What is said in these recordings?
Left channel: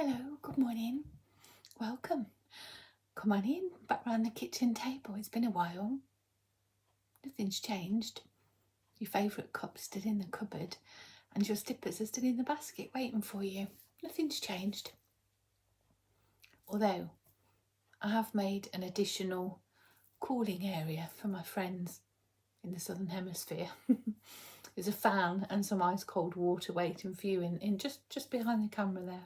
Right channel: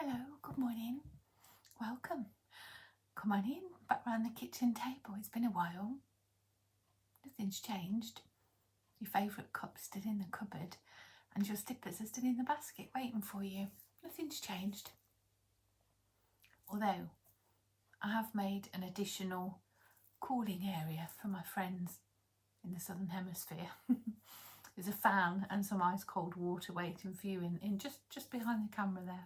Hello, good morning. Welcome. Come on in, back round the kitchen table. It's been a while. Nothing's changed. Your favourite cup's still in the cupboard and your slippers are still in the basket waiting for you. Nothing's changed. Although I have made an additional cooling area for my friends in the southern hemisphere. There's a fan and some ice cold water waiting for you in just behind the camera there.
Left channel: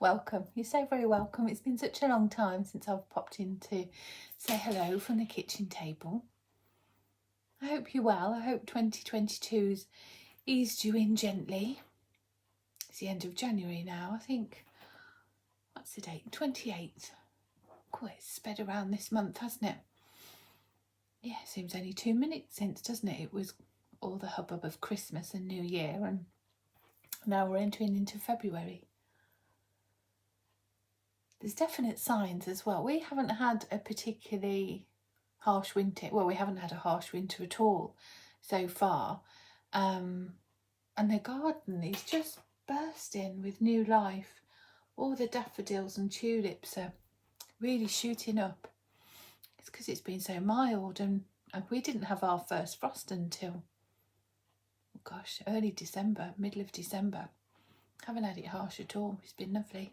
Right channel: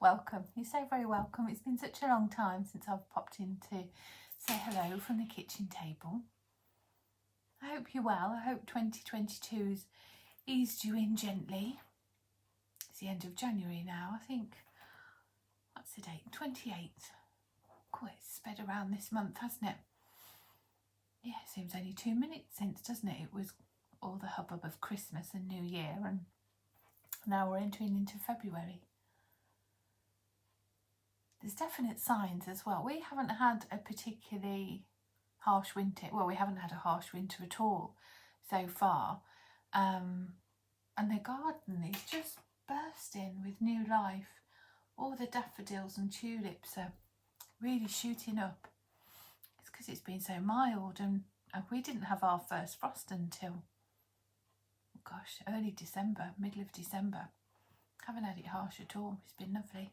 Welcome. You're so very welcome. It's been such a long time since I've popped in to say hello from the kitchen table. I hope you're well. I hope 2022's eased you in gently. It's the end of January now. I think, what's the date? 28th. Quite sped around this month, hasn't it? Yeah, seems only 2 minutes since, doesn't it? It was all the hubbub of Christmas and New Year, and now we're entering into February. There's definite signs as well. We haven't had a particularly harsh winter. Well, we haven't had a harsh winter at all so far. And the garden is just bursting with new life. All the daffodils and tulips are really shooting up. It's because it's been so mild, and we didn't have our first frost until, oh gosh, early December, middle December. Haven't had it harsh at all. It's been lovely.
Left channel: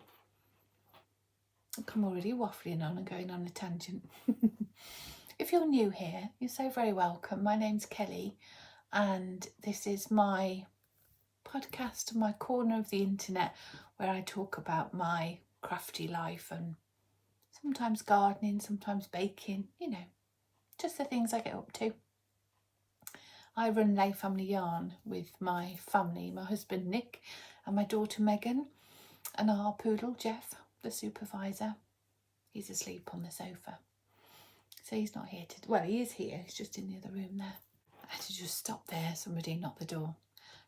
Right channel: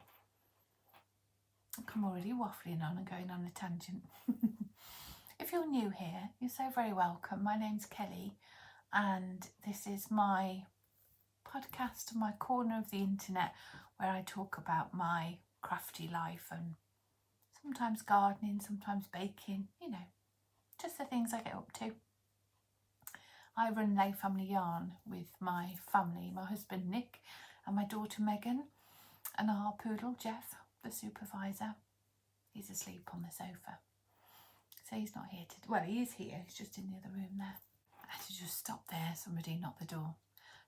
I'm already waffling on and going on a tangent. If you're new here, you're so very welcome. My name's Kelly, and this is my podcast, my corner of the internet, where I talk about my crafty life and sometimes gardening, sometimes baking, you know, just the things I get up to. I run Layfamilyyarn with my family, my husband Nick and my daughter Megan, and our poodle Jeff, the supervisor. He's asleep on the sofa, so he's not here to, well, he is here, he's just in the other room there. I had to just stop there. Somebody knocked the door.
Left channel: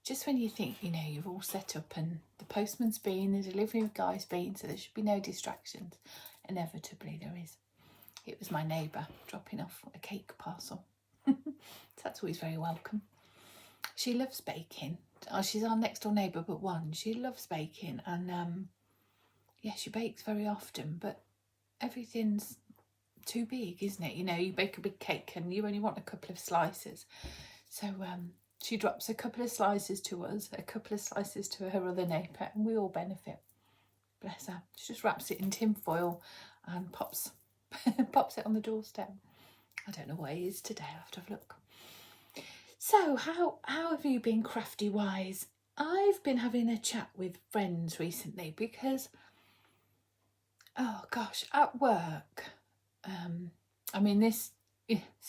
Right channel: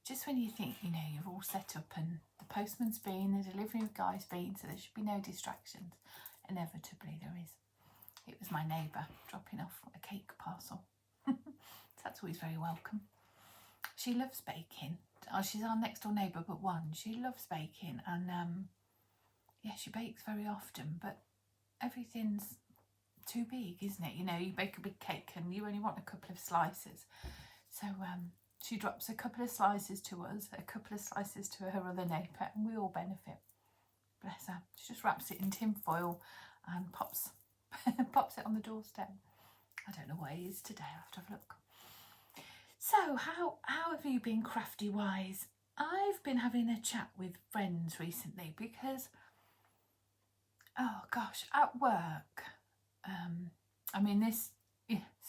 Just when you think, you know, you've all set up and the postman's been, the delivery guy's been, so there should be no distractions, inevitably there is. It was my neighbour dropping off a cake parcel. So that's always very welcome. She loves baking. Oh, she's our next door neighbour but one. She loves baking, and yeah, she bakes very often, but everything's too big, isn't it? You know, you bake a big cake and you only want a couple of slices. So she drops a couple of slices to us, a couple of slices to her other neighbour, and we all benefit. Bless her. She just wraps it in tin foil and pops it on the doorstep. I don't know what it is today. I'll have to have a look. So how have you been crafty wise? I've been having a chat with friends recently because, oh gosh, at work, I mean, this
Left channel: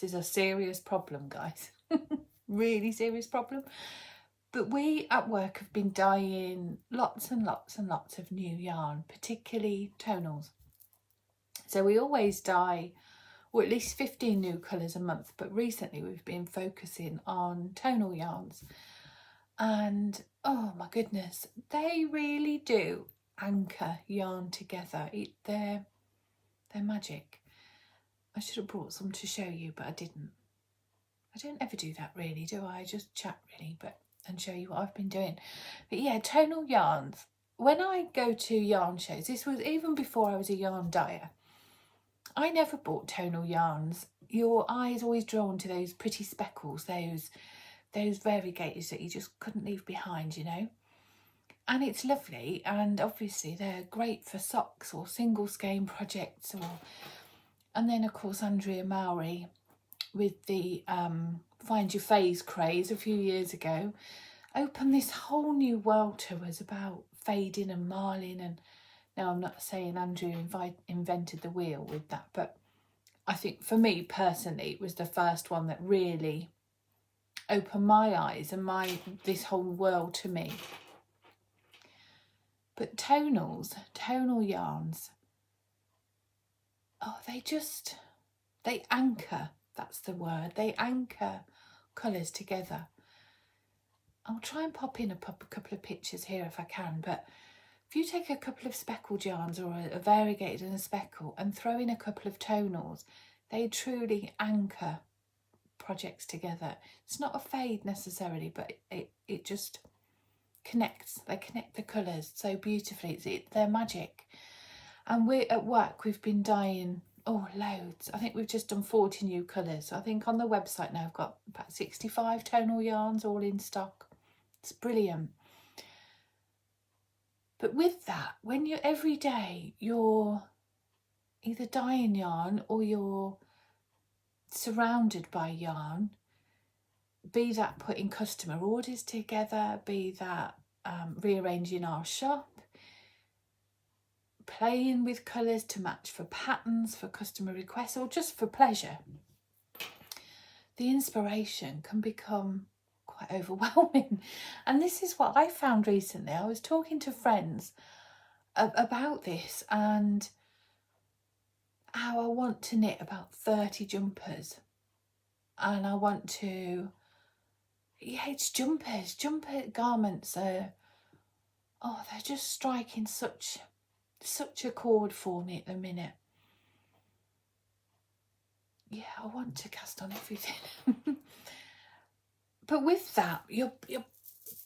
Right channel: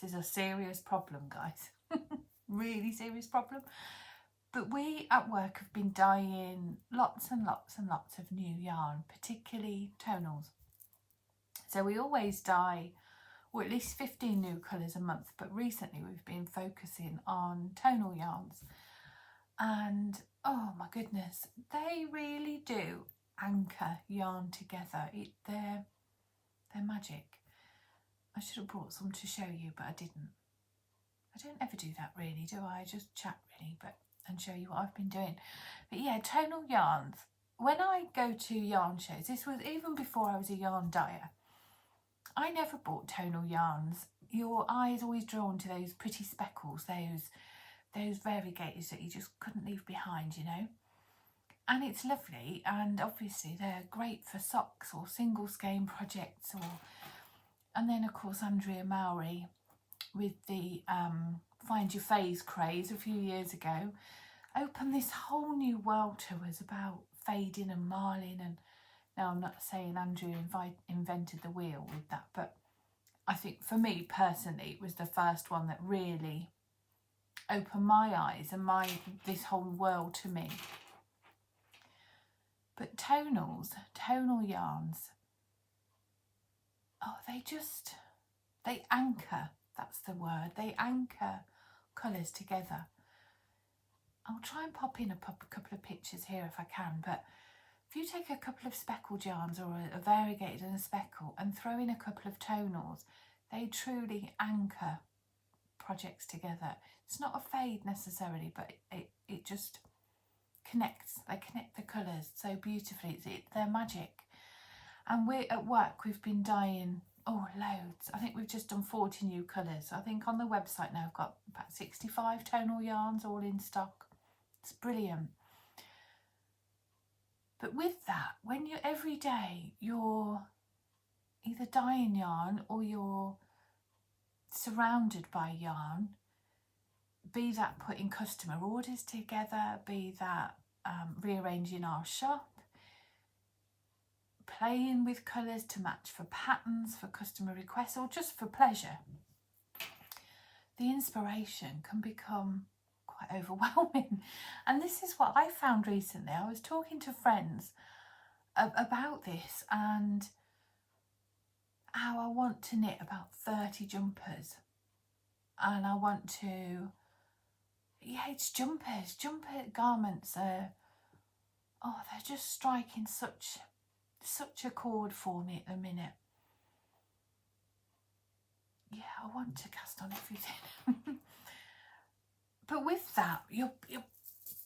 is a serious problem, guys. Really serious problem. But we at work have been dyeing lots and lots and lots of new yarn, particularly tonals. So we always dye, well, at least 15 new colours a month, but recently we've been focusing on tonal yarns. And oh my goodness, they really do anchor yarn together. They're magic. I should have brought some to show you, but I didn't. I don't ever do that really, do I? I just chat really, and show you what I've been doing. But yeah, tonal yarns. When I go to yarn shows, this was even before I was a yarn dyer, I never bought tonal yarns. Your eye is always drawn to those pretty speckles, those variegators that you just couldn't leave behind, you know. And it's lovely, and obviously they're great for socks or single skein projects, and then of course Andrea Mowry with the Find Your Phase craze a few years ago opened this whole new world to us about fading and marling. And now I'm not saying Andrew invented the wheel with that, but I think for me personally it was the first one that really opened my eyes and this whole world to me. But tonal yarns, oh, they anchor, that's the word, they anchor colours together. I'll try and pop in a couple of pictures here if I can, but if you take a couple of speckled yarns or a variegated and a speckle and throw in a couple of tonals, they truly anchor projects together. It's not a fade necessarily, but it just they connect the colours so beautifully. They're magic. And we're at work, we've been dyeing, oh, loads. I think we've just done 40 new colours. So I think on the website now I've got about 65 tonal yarns all in stock. It's brilliant. But with that, when you're every day, you're either dyeing yarn or you're surrounded by yarn, be that putting customer orders together, be that rearranging our shop, playing with colours to match for patterns, for customer requests, or just for pleasure, the inspiration can become quite overwhelming. And this is what I found recently. I was talking to friends about this and how I want to knit about 30 jumpers. And I want to, yeah, it's jumpers. Jumper garments are, oh, they're just striking such a chord for me at the minute. Yeah, I want to cast on everything. But with that, your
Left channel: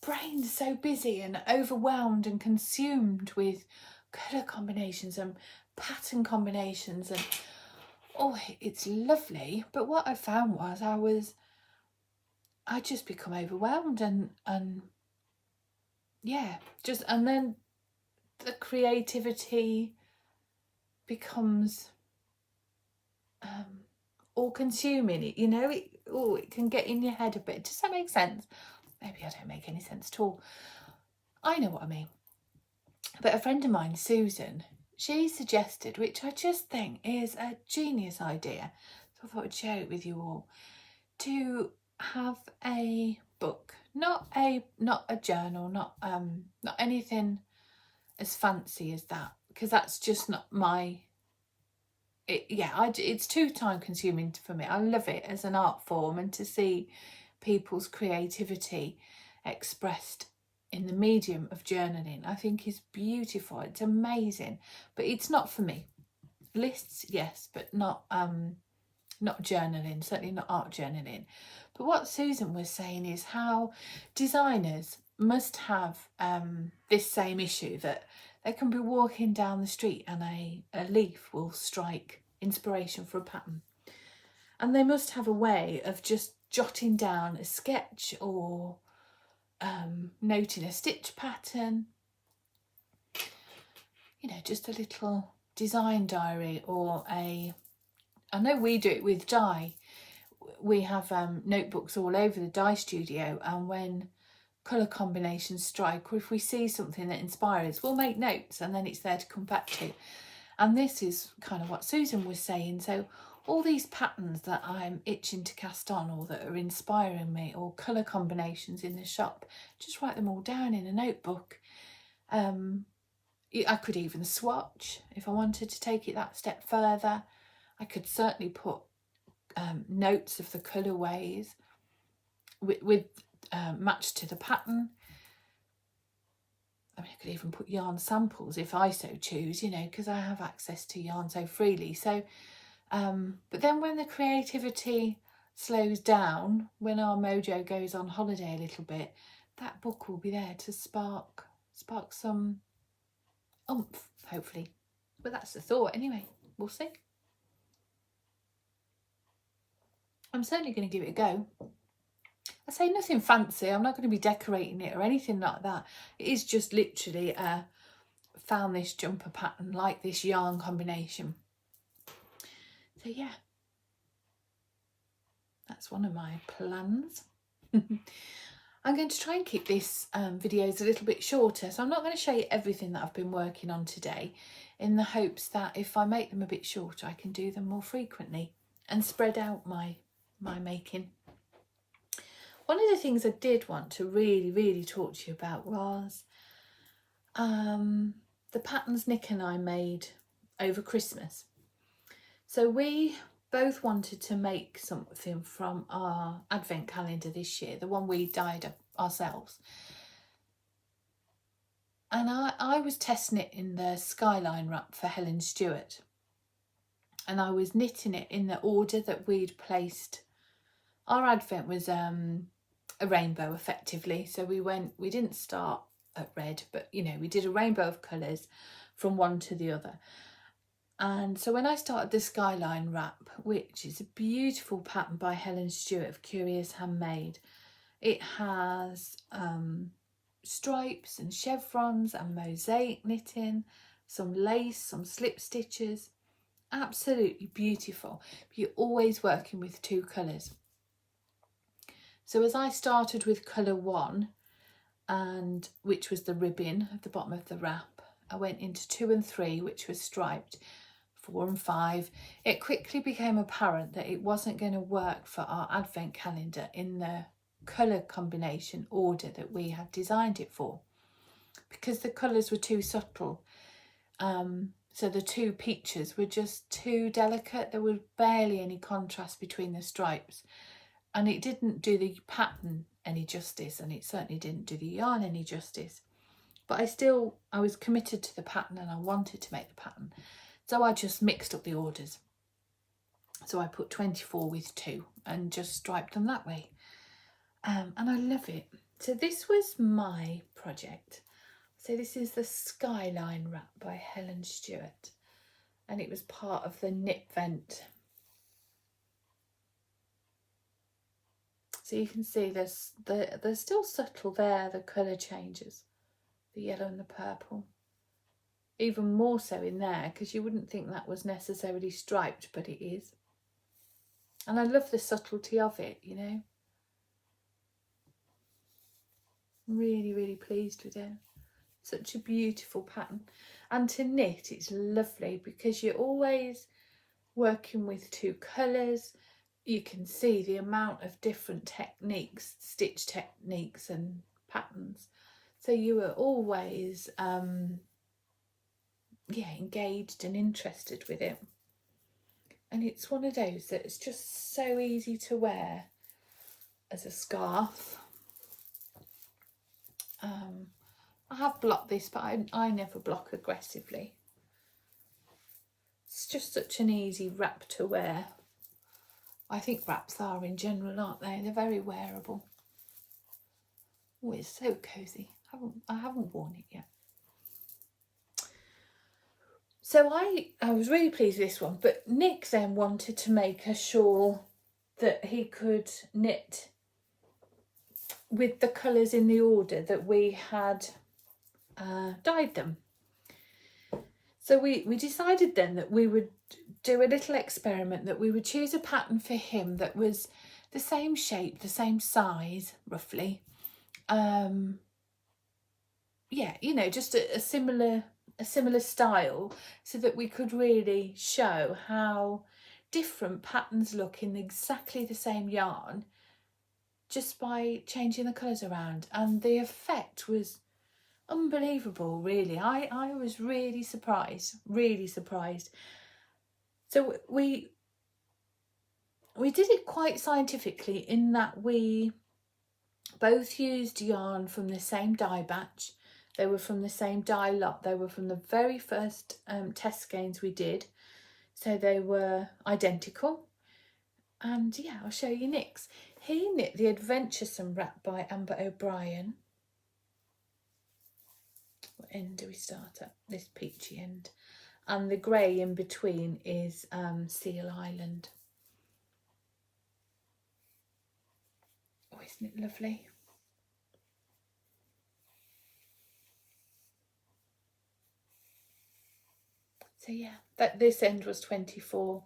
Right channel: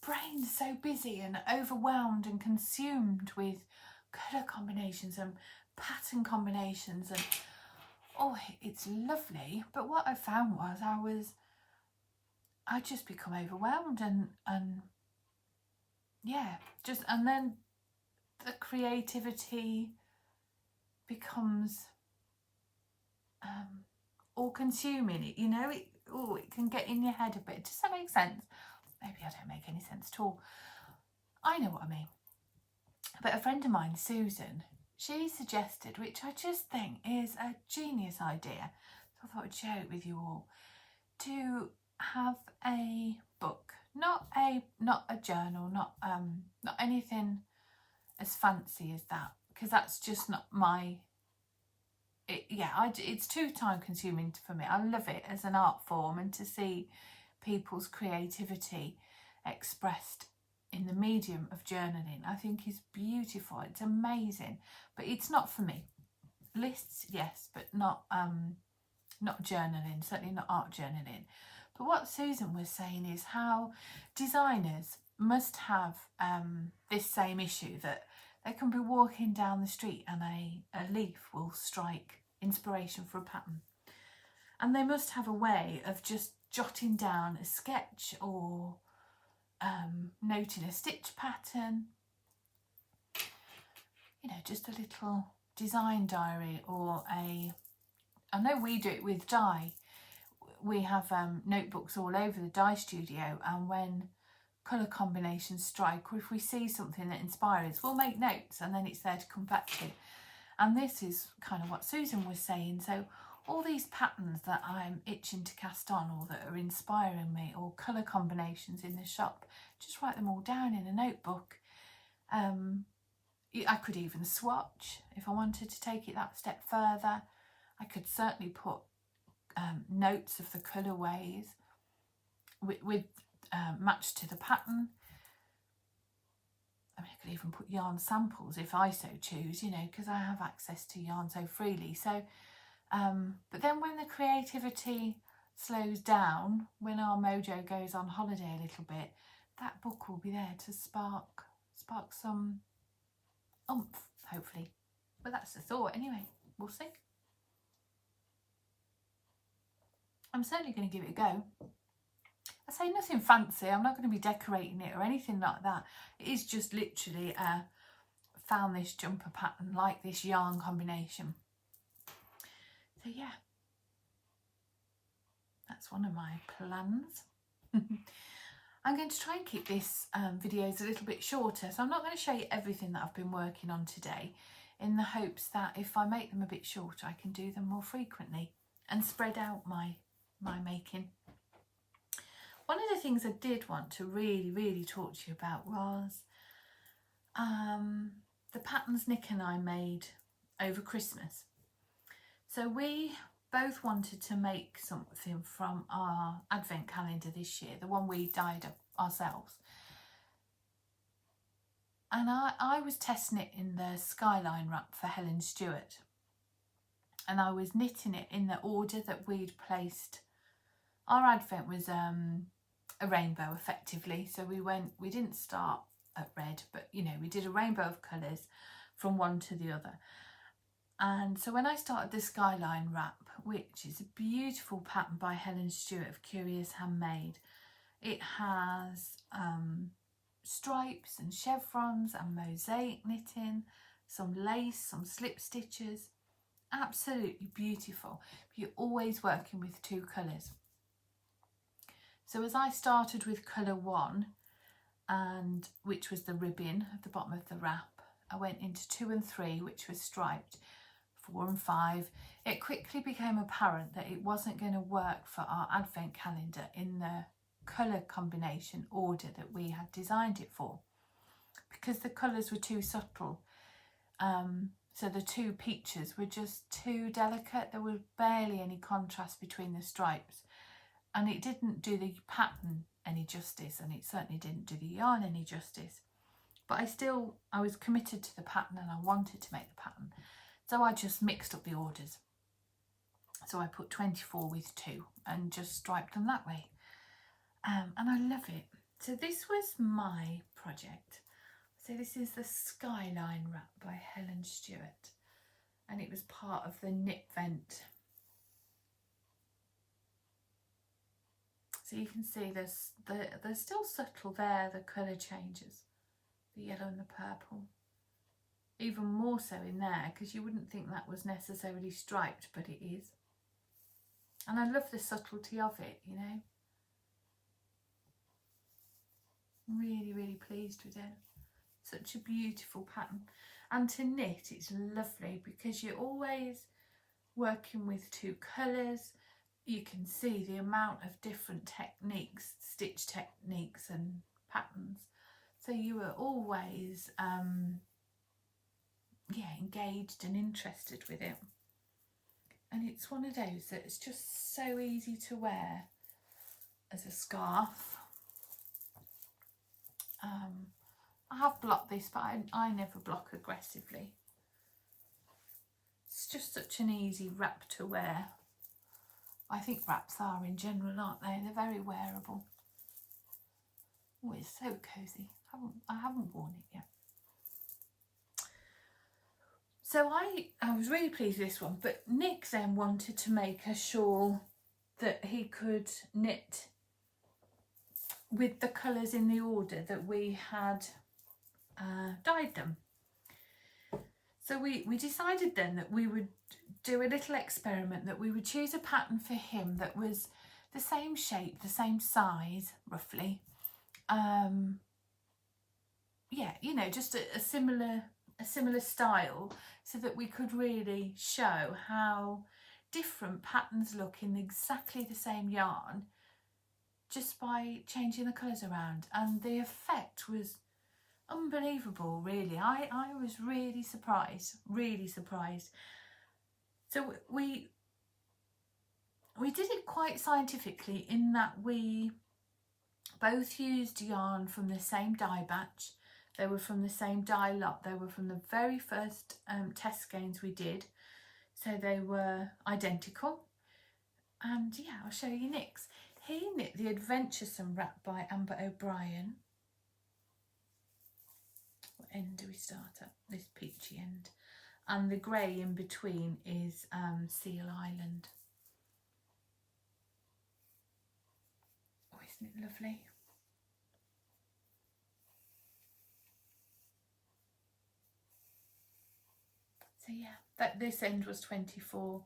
brain's so busy and overwhelmed and consumed with colour combinations and pattern combinations, and oh, it's lovely. But what I found was I just become overwhelmed and yeah, and then the creativity becomes all consuming. You know, it can get in your head a bit. Does that make sense? Maybe I don't make any sense at all. I know what I mean. But a friend of mine, Susan, she suggested, which I just think is a genius idea, so I thought I'd share it with you all, to have a book, not a journal, not anything as fancy as that, because that's just not my. It's too time consuming for me. I love it as an art form, and to see people's creativity expressed in the medium of journaling, I think is beautiful. It's amazing, but it's not for me. Lists, yes, but not journaling, certainly not art journaling. But what Susan was saying is how designers must have this same issue, that they can be walking down the street and a leaf will strike inspiration for a pattern, and they must have a way of just jotting down a sketch or noting a stitch pattern, you know, just a little design diary, or I know we do it with dye. We have notebooks all over the dye studio, and when colour combinations strike, or if we see something that inspires, we'll make notes and then it's there to come back to. And this is kind of what Susan was saying. So all these patterns that I'm itching to cast on, or that are inspiring me, or colour combinations in the shop, just write them all down in a notebook. I could even swatch if I wanted to take it that step further. I could certainly put notes of the colourways with matched to the pattern. I mean, I could even put yarn samples if I so choose, you know, because I have access to yarn so freely. So, but then when the creativity slows down, when our mojo goes on holiday a little bit, that book will be there to spark some oomph, hopefully. But that's the thought anyway. We'll see. I'm certainly going to give it a go. I say nothing fancy. I'm not going to be decorating it or anything like that. It is just literally found this jumper pattern, like this yarn combination. So yeah, that's one of my plans. I'm going to try and keep this videos a little bit shorter, so I'm not going to show you everything that I've been working on today, in the hopes that if I make them a bit shorter, I can do them more frequently and spread out my making. One of the things I did want to really talk to you about was the patterns Nick and I made over Christmas. So we both wanted to make something from our advent calendar this year, the one we dyed ourselves. And I was testing it in the Skyline wrap for Helen Stewart. And I was knitting it in the order that we'd placed. Our advent was a rainbow, effectively. So we didn't start at red, but you know, we did a rainbow of colours from one to the other. And so when I started the Skyline wrap, which is a beautiful pattern by Helen Stewart of Curious Handmade, it has stripes and chevrons and mosaic knitting, some lace, some slip stitches, absolutely beautiful. You're always working with 2 colours. So as I started with colour 1, and which was the ribbon at the bottom of the wrap, I went into 2 and 3, which was striped, 4 and 5. It quickly became apparent that it wasn't going to work for our advent calendar in the colour combination order that we had designed it for, because the colours were too subtle. So the 2 peaches were just too delicate. There was barely any contrast between the stripes, and it didn't do the pattern any justice, and it certainly didn't do the yarn any justice. But I was committed to the pattern, and I wanted to make the pattern, so I just mixed up the orders. So I put 24 with 2 and just striped them that way, and I love it. So this was my project. So this is the Skyline wrap by Helen Stewart, and it was part of the Knit Vent. So you can see they're still subtle there, the colour changes, the yellow and the purple. Even more so in there, because you wouldn't think that was necessarily striped, but it is. And I love the subtlety of it, you know. Really, really pleased with it. Such a beautiful pattern. And to knit, it's lovely because you're always working with 2 colours. You can see the amount of different techniques, stitch techniques and patterns. So you are always engaged and interested with it. And it's one of those that's just so easy to wear as a scarf. I have blocked this, but I never block aggressively. It's just such an easy wrap to wear. I think wraps are in general, aren't they? They're very wearable. Oh, it's so cosy. I haven't worn it yet. So I was really pleased with this one, but Nick then wanted to make a shawl that he could knit with the colours in the order that we had dyed them. So we decided then that we would do a little experiment, that we would choose a pattern for him that was the same shape, the same size roughly, yeah, you know, just a similar style, so that we could really show how different patterns look in exactly the same yarn just by changing the colours around. And the effect was unbelievable, really. I was really surprised. So we did it quite scientifically, in that we both used yarn from the same dye batch. They were from the same dye lot. They were from the very first test skeins we did. So they were identical. And yeah, I'll show you Nick's. He knit the Adventuresome wrap by Amber O'Brien. What end do we start at? This peachy end. And the grey in between is Seal Island. Oh, isn't it lovely? So yeah, this end was 24.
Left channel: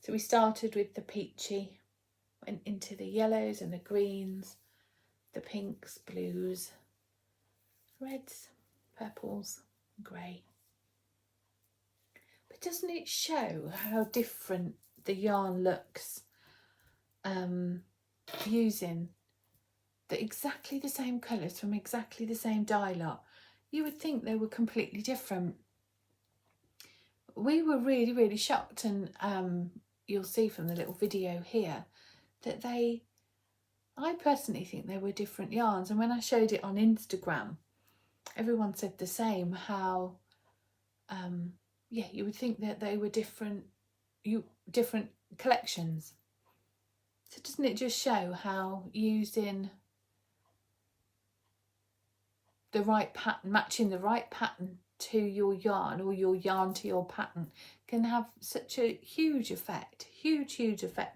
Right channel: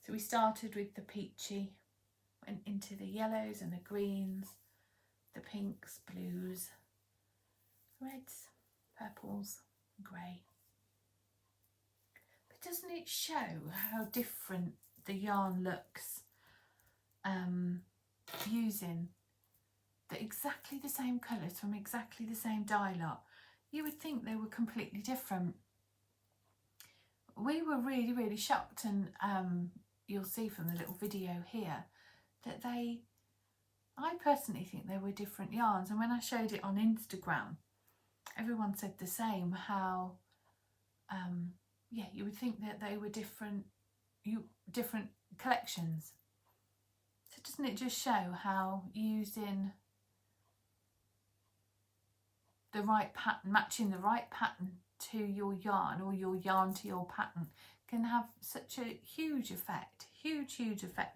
So we started with the peachy, went into the yellows and the greens, the pinks, blues, reds, purples, grey. But doesn't it show how different the yarn looks using exactly the same colours from exactly the same dye lot? You would think they were completely different. We were really, really shocked, and you'll see from the little video here that I personally think they were different yarns. And when I showed it on Instagram, everyone said the same, how yeah, you would think that they were different collections. So doesn't it just show how using the right pattern, matching the right pattern to your yarn, or your yarn to your pattern, can have such a huge effect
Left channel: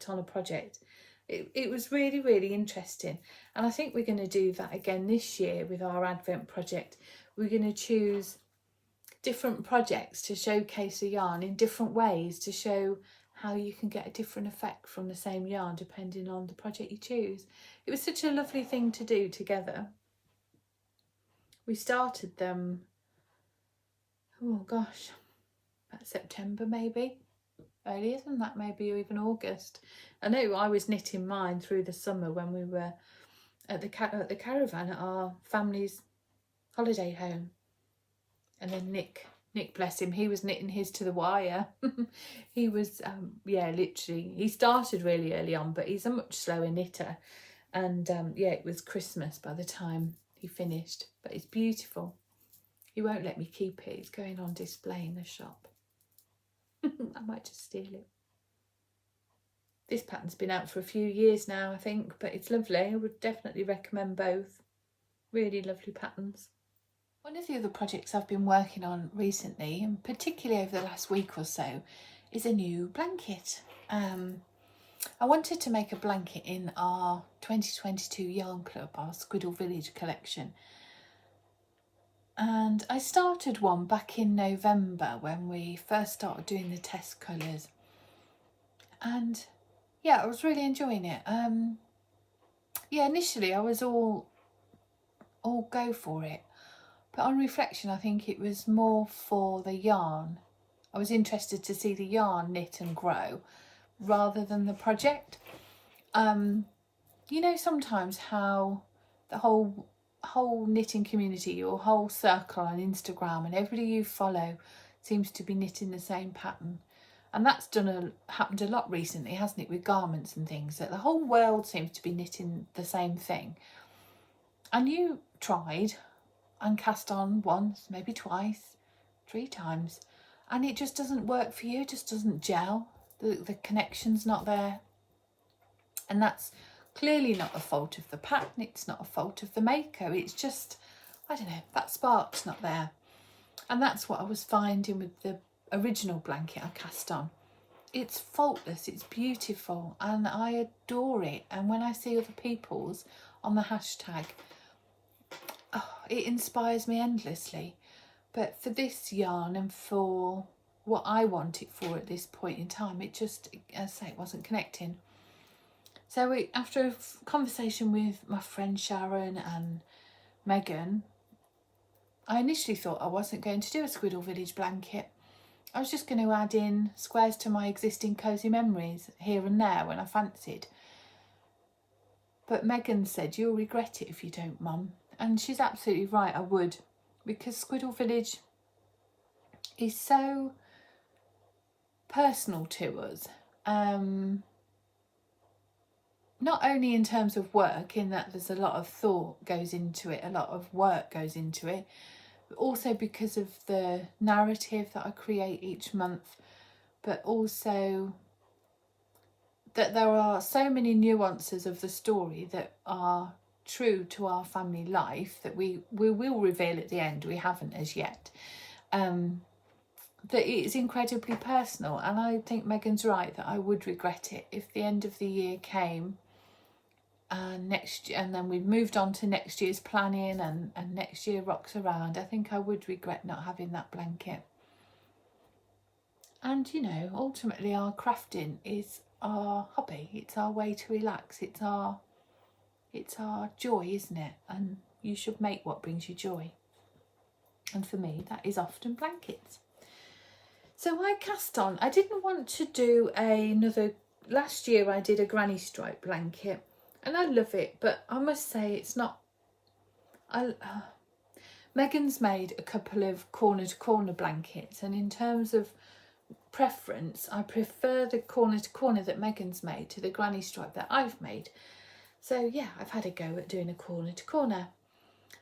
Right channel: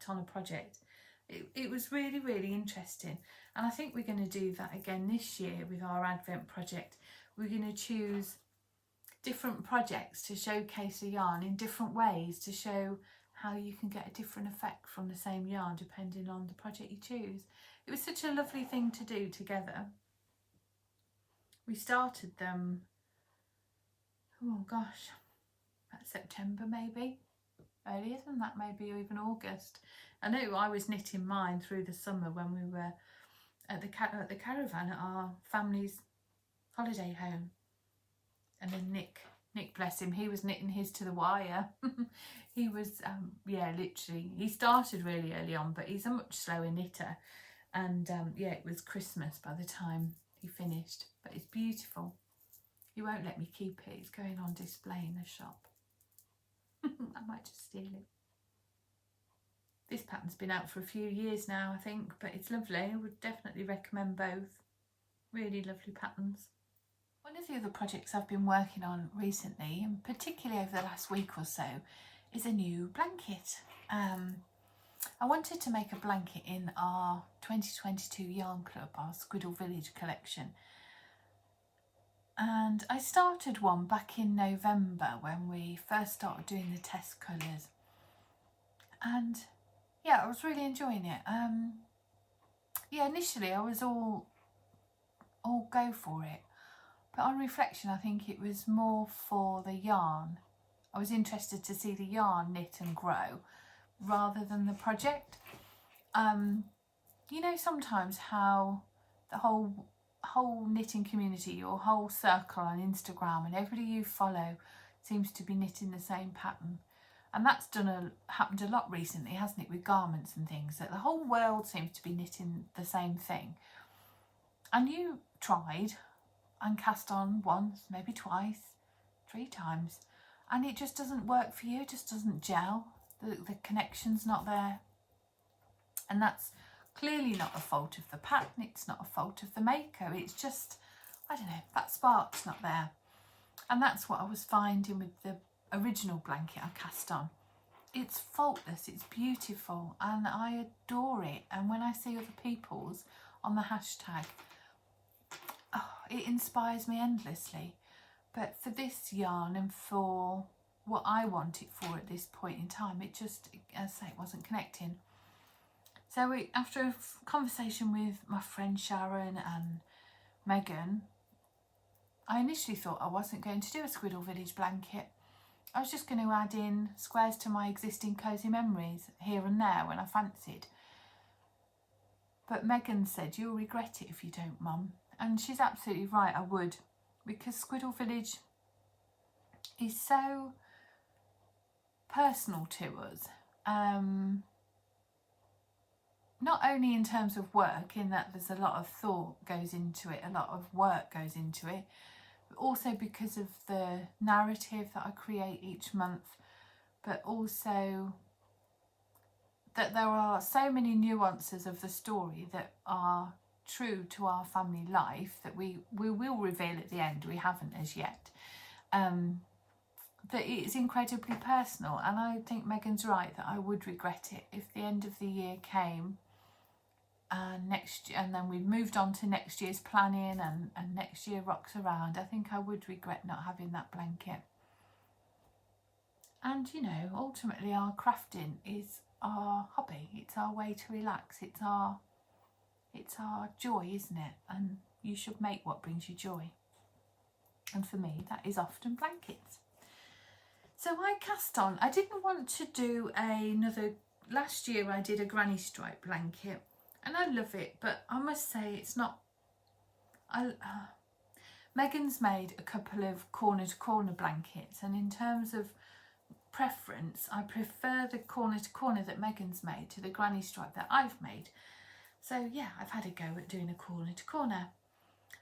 on a project. It was really, really interesting, and I think we're going to do that again this year with our Advent project. We're going to choose different projects to showcase a yarn in different ways, to show how you can get a different effect from the same yarn depending on the project you choose. It was such a lovely thing to do together. We started them, oh gosh, about September maybe, earlier than that maybe, or even August. I know I was knitting mine through the summer when we were at the caravan at our family's holiday home. And then Nick, bless him, he was knitting his to the wire. He was, yeah, literally, he started really early on, but he's a much slower knitter. And yeah, it was Christmas by the time he finished, but it's beautiful. He won't let me keep it. It's going on display in the shop. I might just steal it. This pattern's been out for a few years now, I think, but it's lovely. I would definitely recommend both. Really lovely patterns. One of the other projects I've been working on recently, and particularly over the last week or so, is a new blanket. I wanted to make a blanket in our 2022 Yarn Club, our Squiddle Village collection. And I started one back in November when we first started doing the test colours. And yeah, I was really enjoying it. Yeah, initially I was all go for it. But on reflection, I think it was more for the yarn. I was interested to see the yarn knit and grow rather than the project. You know, sometimes how the whole knitting community, your whole circle on Instagram and everybody you follow seems to be knitting the same pattern. And that's happened a lot recently, hasn't it, with garments and things, that the whole world seems to be knitting the same thing. And you tried and cast on once, maybe twice, 3 times, and it just doesn't work for you, it just doesn't gel. The connection's not there. And that's clearly not a fault of the pattern, it's not a fault of the maker, it's just, I don't know, that spark's not there. And that's what I was finding with the original blanket I cast on. It's faultless, it's beautiful, and I adore it. And when I see other people's on the hashtag, oh, it inspires me endlessly. But for this yarn and for what I want it for at this point in time, it just, as I say, it wasn't connecting. So after a conversation with my friend Sharon and Megan, I initially thought I wasn't going to do a Squiddle Village blanket. I was just going to add in squares to my existing Cozy Memories here and there when I fancied. But Megan said, "You'll regret it if you don't, Mum." And she's absolutely right, I would. Because Squiddle Village is so personal to us. Not only in terms of work, in that there's a lot of thought goes into it, a lot of work goes into it, but also because of the narrative that I create each month, but also that there are so many nuances of the story that are true to our family life that we will reveal at the end, we haven't as yet, that it is incredibly personal. And I think Megan's right that I would regret it if the end of the year came and then we've moved on to next year's planning and next year rocks around. I think I would regret not having that blanket. And you know, ultimately our crafting is our hobby, it's our way to relax, it's our joy, isn't it? And you should make what brings you joy. And for me, that is often blankets. So I cast on, I didn't want to do last year I did a granny stripe blanket, and I love it, but I must say it's not, Megan's made a couple of corner to corner blankets, and in terms of preference, I prefer the corner to corner that Megan's made to the granny stripe that I've made. So yeah, I've had a go at doing a corner to corner.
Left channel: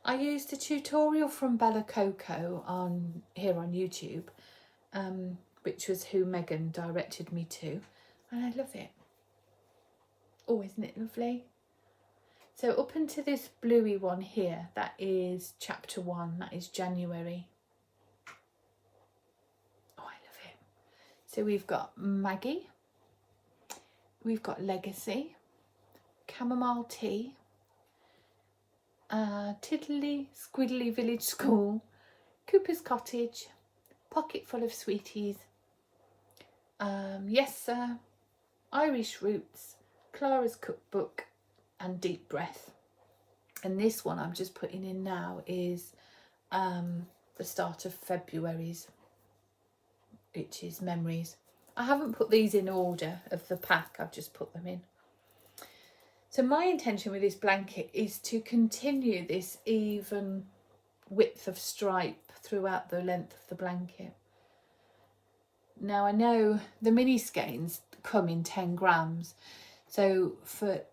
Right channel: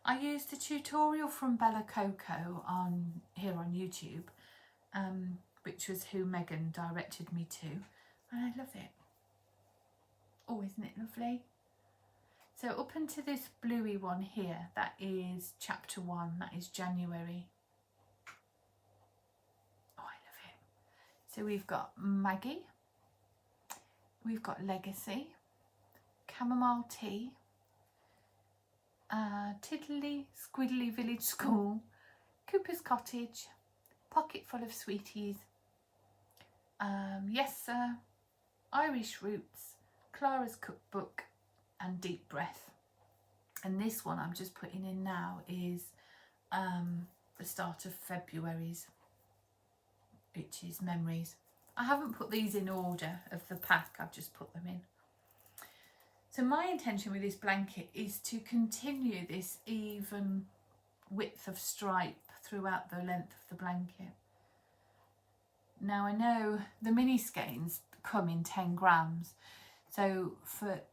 I used a tutorial from Bella Coco here on YouTube, which was who Megan directed me to, and I love it. Oh, isn't it lovely? So up into this bluey one here, that is chapter 1, that is January. Oh, I love it. So we've got Maggie, we've got Legacy, Chamomile Tea, Tiddly Squiddly Village School, Cooper's Cottage, Pocket Full of Sweeties, Yes Sir, Irish Roots, Clara's Cookbook, and Deep Breath. And this one I'm just putting in now is the start of February's, which is Memories. I haven't put these in order of the pack, I've just put them in. So my intention with this blanket is to continue this even width of stripe throughout the length of the blanket. Now I know the mini skeins come in 10 grams. So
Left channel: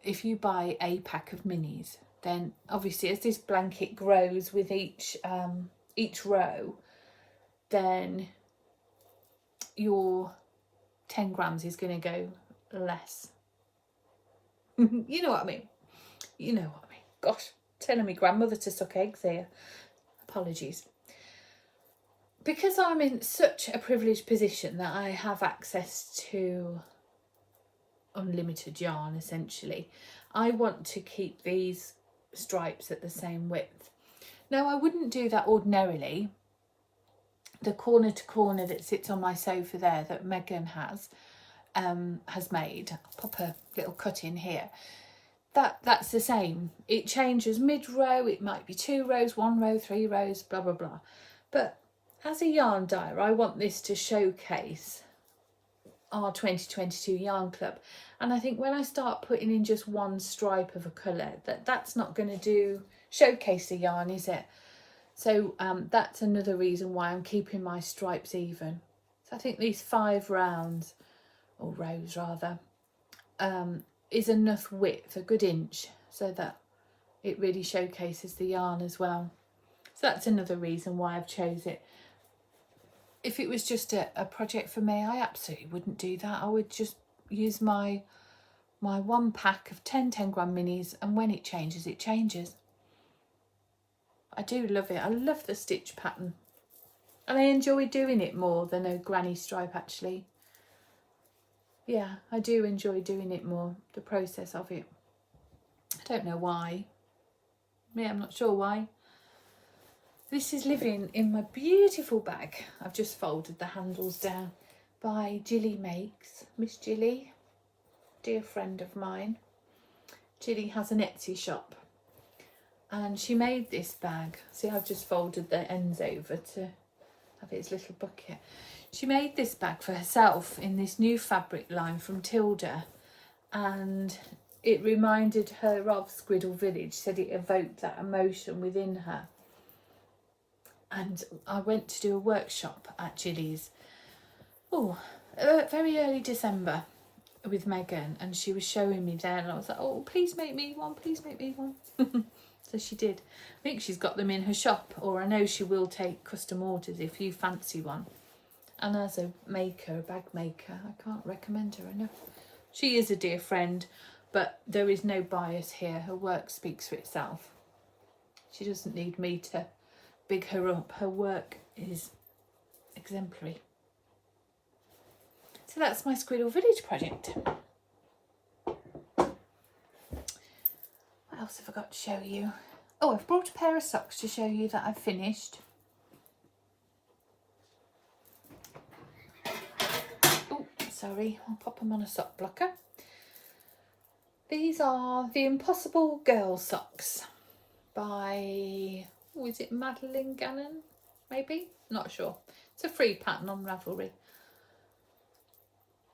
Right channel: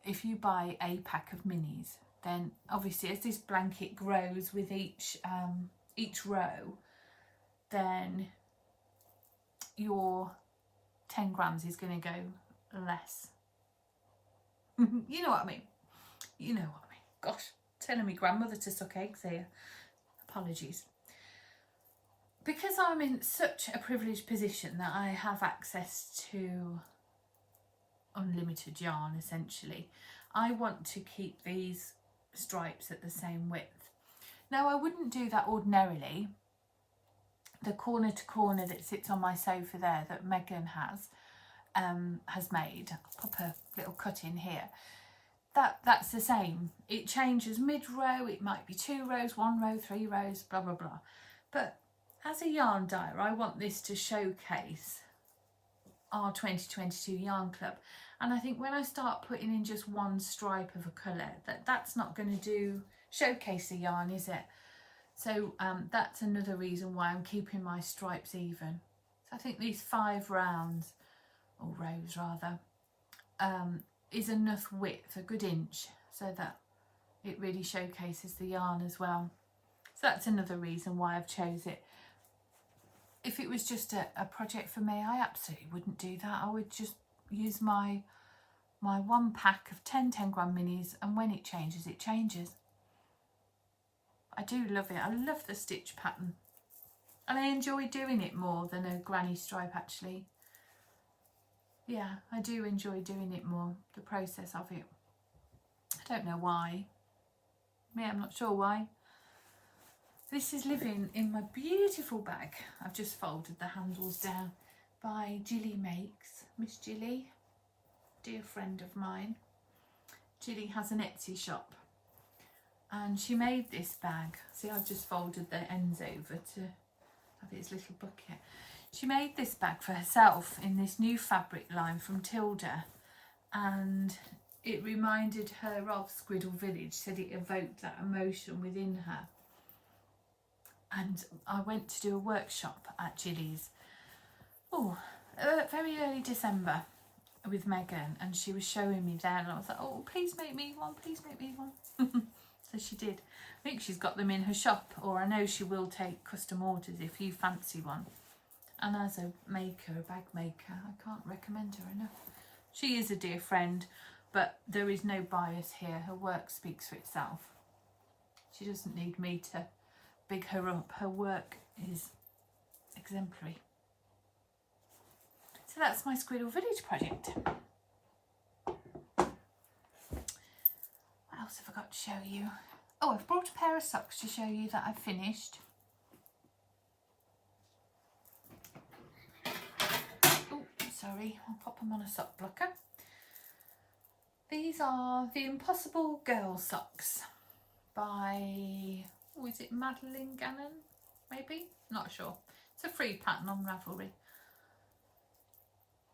if you buy a pack of minis, then obviously as this blanket grows with each row, then your 10 grams is going to go less. You know what I mean? You know what I mean. Gosh, telling me grandmother to suck eggs here. Apologies. Because I'm in such a privileged position that I have access to unlimited yarn, essentially, I want to keep these stripes at the same width. Now I wouldn't do that ordinarily. The corner to corner that sits on my sofa there that Megan has made, I'll pop a little cut in here, that's the same. It changes mid-row, it might be 2 rows, 1 row, 3 rows, blah blah blah. But as a yarn dyer, I want this to showcase our 2022 yarn club. And I think when I start putting in just one stripe of a colour, that's not going to showcase the yarn, is it? So that's another reason why I'm keeping my stripes even. So I think these 5 rounds, or rows rather, is enough width, a good inch, so that it really showcases the yarn as well. So that's another reason why I've chose it. If it was just a project for me, I absolutely wouldn't do that. I would just use my one pack of 10 gram minis, and when it changes, it changes. I do love it. I love the stitch pattern, and I enjoy doing it more than a granny stripe, actually. Yeah, I do enjoy doing it more, the process of it. I don't know why. Yeah, I'm not sure why. This is living in my beautiful bag. I've just folded the handles down, by Jilly Makes. Miss Jilly, dear friend of mine. Jilly has an Etsy shop, and she made this bag. See, I've just folded the ends over to have its little bucket. She made this bag for herself in this new fabric line from Tilda, and it reminded her of Squiddle Village, said it evoked that emotion within her. And I went to do a workshop at Jilly's, very early December with Megan, and she was showing me there, and I was like, oh, please make me one, please make me one. So she did. I think she's got them in her shop, or I know she will take custom orders if you fancy one. And as a maker, a bag maker, I can't recommend her enough. She is a dear friend, but there is no bias here. Her work speaks for itself. She doesn't need me to big her up. Her work is exemplary. So that's my Squiddle Village project. What else have I got to show you? Oh, I've brought a pair of socks to show you that I've finished. Oh, sorry, I'll pop them on a sock blocker. These are the Impossible Girl socks by, is it Madeline Gannon? Maybe? Not sure. It's a free pattern on Ravelry.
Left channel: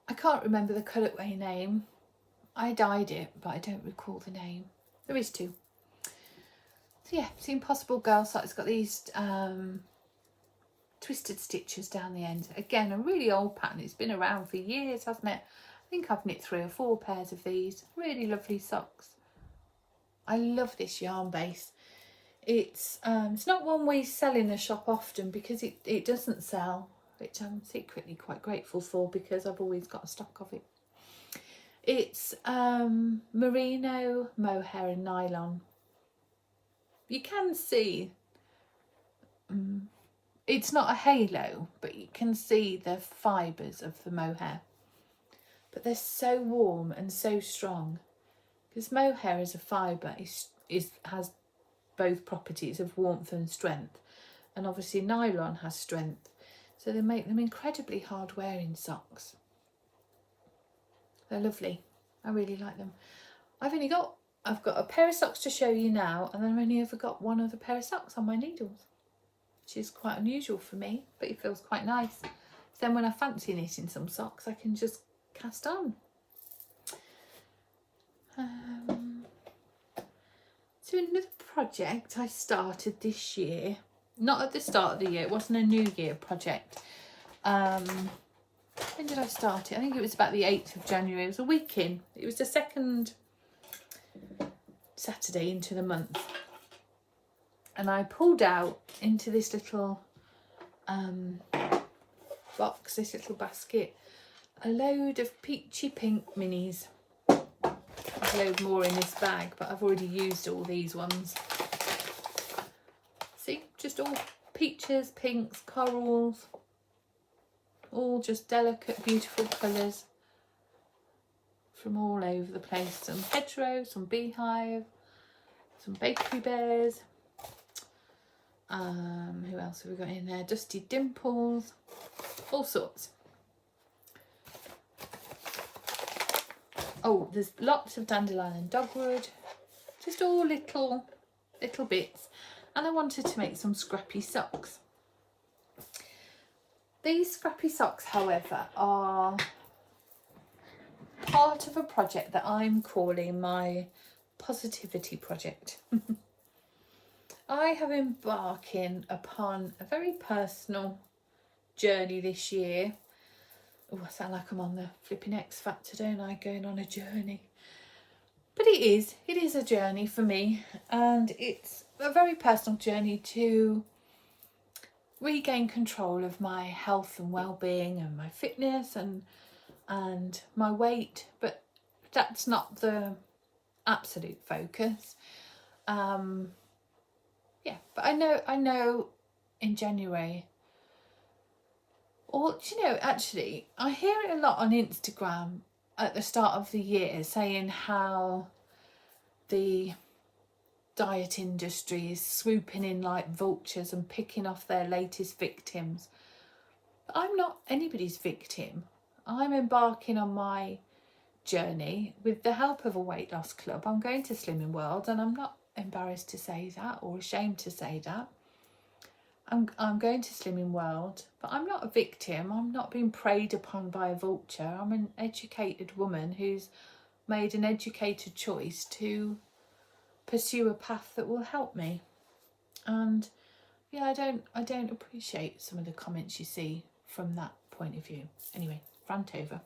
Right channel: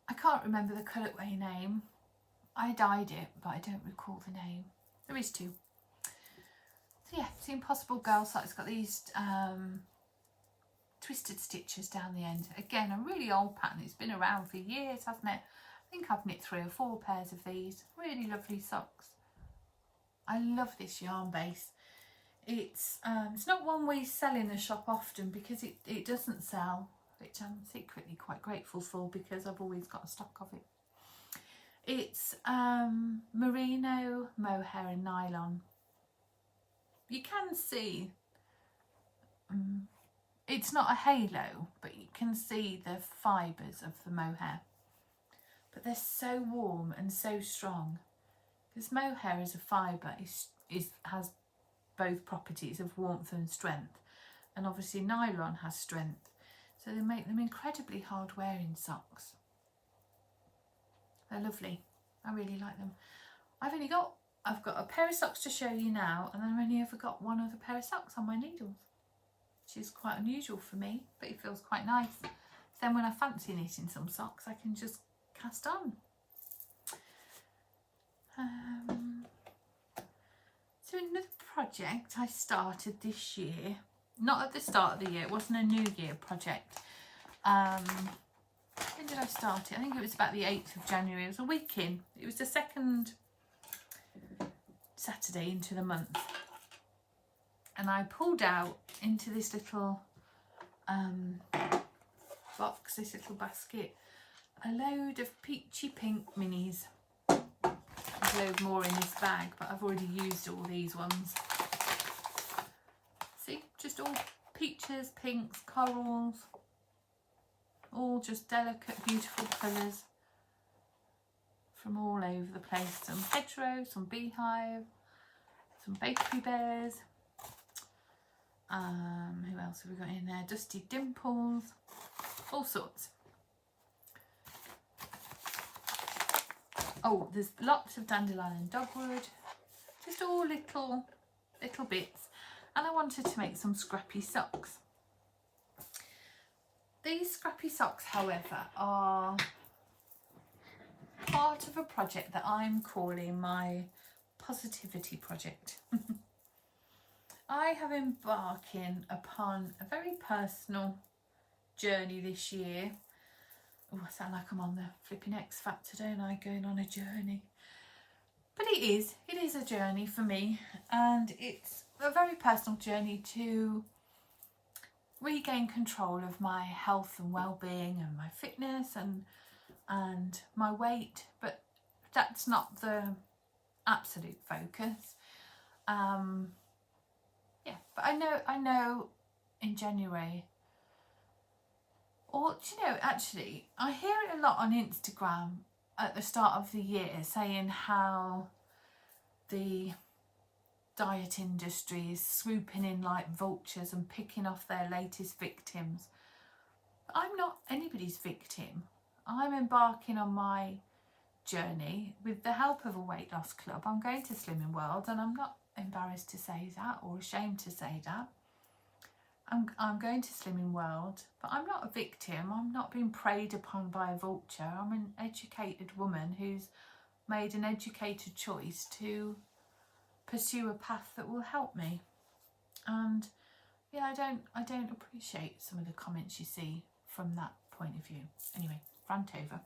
I can't remember the colourway name. I dyed it, but I don't recall the name. There is 2. So yeah, it's the Impossible Girl sock. It's got these twisted stitches down the end. Again, a really old pattern. It's been around for years, hasn't it? I think I've knit 3 or 4 pairs of these. Really lovely socks. I love this yarn base. It's not one we sell in the shop often because it doesn't sell, which I'm secretly quite grateful for because I've always got a stock of it. It's merino, mohair and nylon. You can see, it's not a halo, but you can see the fibres of the mohair. But they're so warm and so strong, because mohair as a fibre has both properties of warmth and strength, and obviously nylon has strength, so they make them incredibly hard wearing socks. They're lovely. I really like them. I've got a pair of socks to show you now, and then I've only ever got one other pair of socks on my needles, which is quite unusual for me, but it feels quite nice. So then when I fancy knitting some socks, I can just cast on. So another project I started this year, not at the start of the year, it wasn't a New Year project. When did I start it? I think it was about the 8th of January. It was a week in. It was the second Saturday into the month. And I pulled out into this little box, this little basket, a load of peachy pink minis. There's a load more in this bag, but I've already used all these ones. See, just all peaches, pinks, corals, all just delicate, beautiful colours from all over the place. Some hedgerow, some beehive, some bakery bears. Who else have we got in there? Dusty dimples, all sorts. Oh, there's lots of dandelion and dogwood, just all little bits. And I wanted to make some scrappy socks. These scrappy socks, however, are part of a project that I'm calling my positivity project. I have embarking upon a very personal journey this year. Oh, I sound like I'm on the flipping X Factor, don't I? Going on a journey. But it is a journey for me, and it's a very personal journey to regain control of my health and well-being and my fitness and my weight, but that's not the absolute focus. Yeah, but I know in January, or do you know, actually I hear it a lot on Instagram at the start of the year, saying how the diet industry is swooping in like vultures and picking off their latest victims. But I'm not anybody's victim. I'm embarking on my journey with the help of a weight loss club. I'm going to Slimming World, and I'm not embarrassed to say that or ashamed to say that. I'm going to Slimming World, but I'm not a victim. I'm not being preyed upon by a vulture. I'm an educated woman who's made an educated choice to pursue a path that will help me. And yeah, I don't appreciate some of the comments you see from that point of view. Anyway, rant over.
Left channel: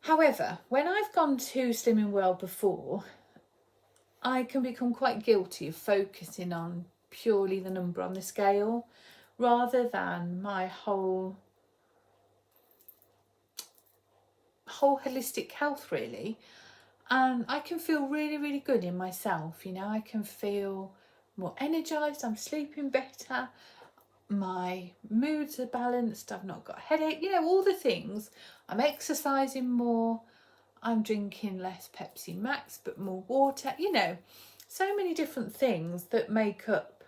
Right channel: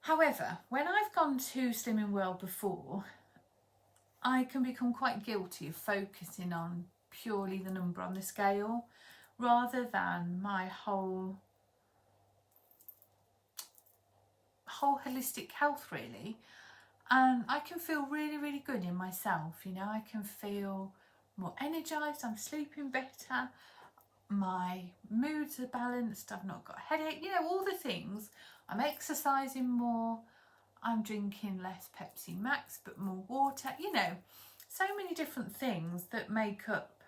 However, when I've gone to Slimming World before, I can become quite guilty of focusing on purely the number on the scale rather than my whole holistic health, really. And I can feel really good in myself, you know. I can feel more energized, I'm sleeping better, my moods are balanced, I've not got a headache, you know, all the things. I'm exercising more, I'm drinking less Pepsi Max but more water, you know, so many different things that make up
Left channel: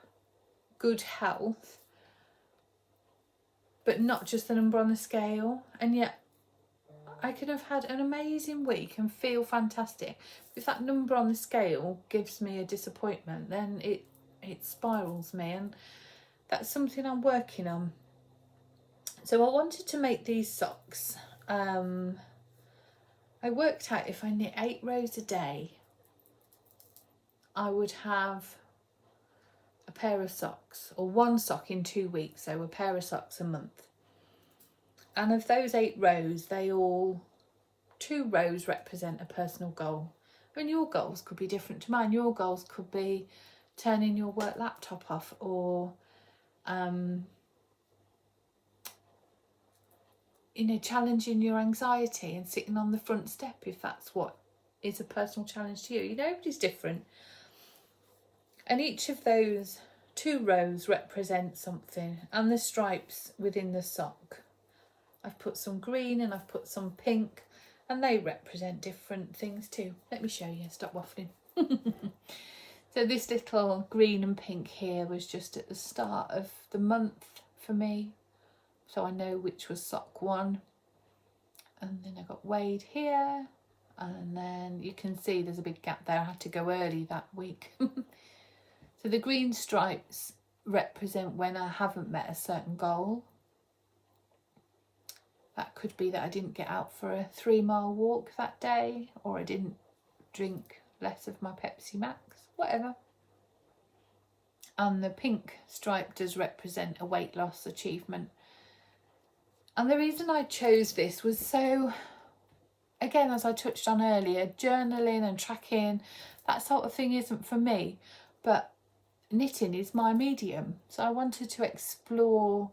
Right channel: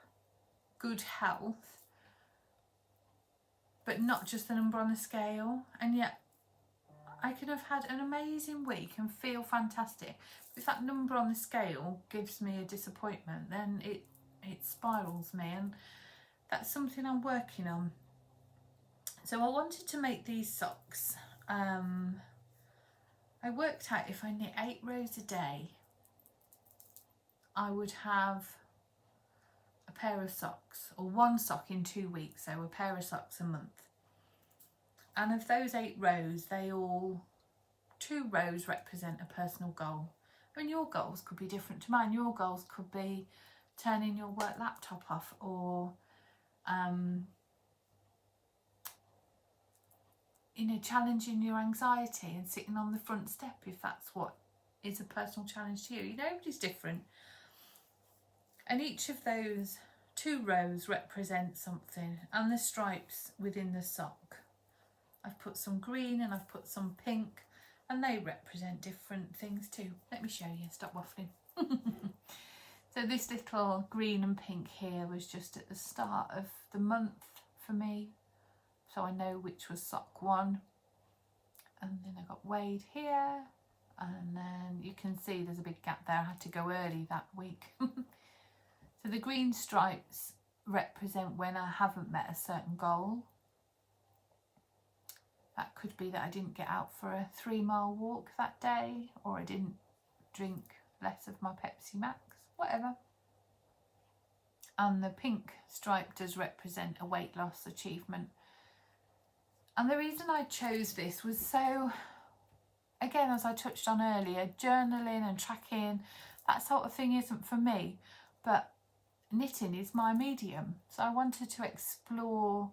good health, but not just the number on the scale. And yet I could have had an amazing week and feel fantastic. If that number on the scale gives me a disappointment, then it spirals me, and that's something I'm working on. So I wanted to make these socks. I worked out if I knit 8 rows a day, I would have a pair of socks, or one sock in 2 weeks, so a pair of socks a month. And of those 8 rows, 2 rows represent a personal goal. I mean, your goals could be different to mine. Your goals could be turning your work laptop off, or you know, challenging your anxiety and sitting on the front step, if that's what is a personal challenge to you. You know, everybody's different. And each of those 2 rows represent something, and the stripes within the sock. I've put some green and I've put some pink, and they represent different things too. Let me show you, stop waffling. So this little green and pink here was just at the start of the month for me, so I know which was sock 1. And then I got Wade here, and then you can see there's a big gap there. I had to go early that week. So the green stripes represent when I haven't met a certain goal. That could be that I didn't get out for a 3-mile walk that day, or I didn't drink less of my Pepsi Max, whatever. And the pink stripe does represent a weight loss achievement. And the reason I chose this was so, again, as I touched on earlier, journaling and tracking, that sort of thing isn't for me, but knitting is my medium. So I wanted to explore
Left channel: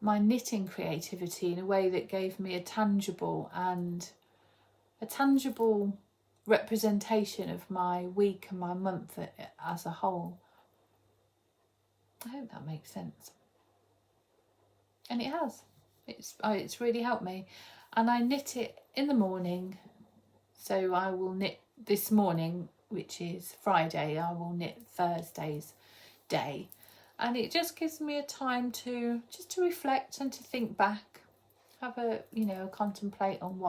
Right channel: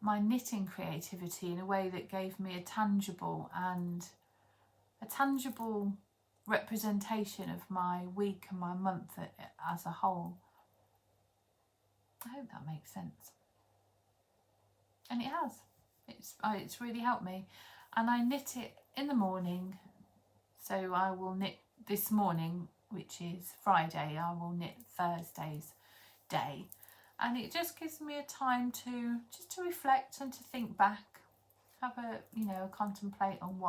my knitting creativity in a way that gave me a tangible representation of my week and my month as a whole. I hope that makes sense. And it has. It's really helped me. And I knit it in the morning. So I will knit this morning, which is Friday. I will knit Thursday's day. And it just gives me a time to reflect and to think back, have a, you know, contemplate on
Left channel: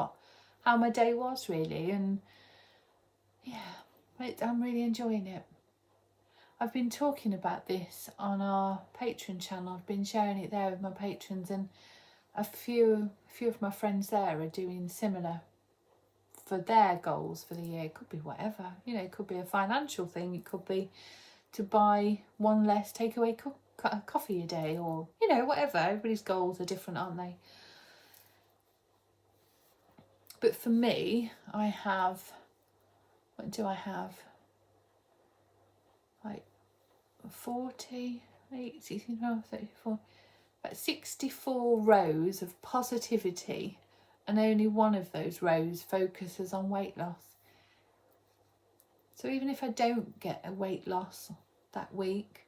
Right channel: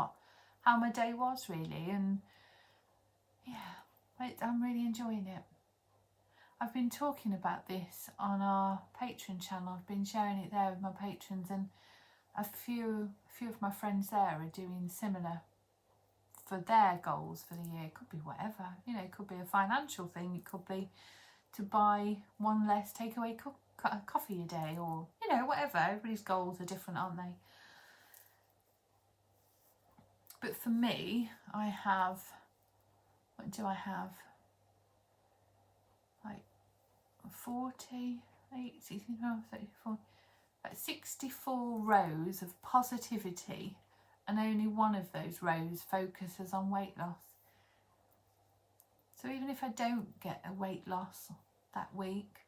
how my day was really. And yeah, I'm really enjoying it. I've been talking about this on our Patreon channel. I've been sharing it there with my patrons, and a few of my friends there are doing similar for their goals for the year. It could be whatever, you know, it could be a financial thing, it could be to buy 1 less takeaway coffee a day, or, you know, whatever. Everybody's goals are different, aren't they? But for me, I have, what do I have? Like 48, 16, 12, 34, about 64 rows of positivity, and only one of those rows focuses on weight loss. So even if I don't get a weight loss that week,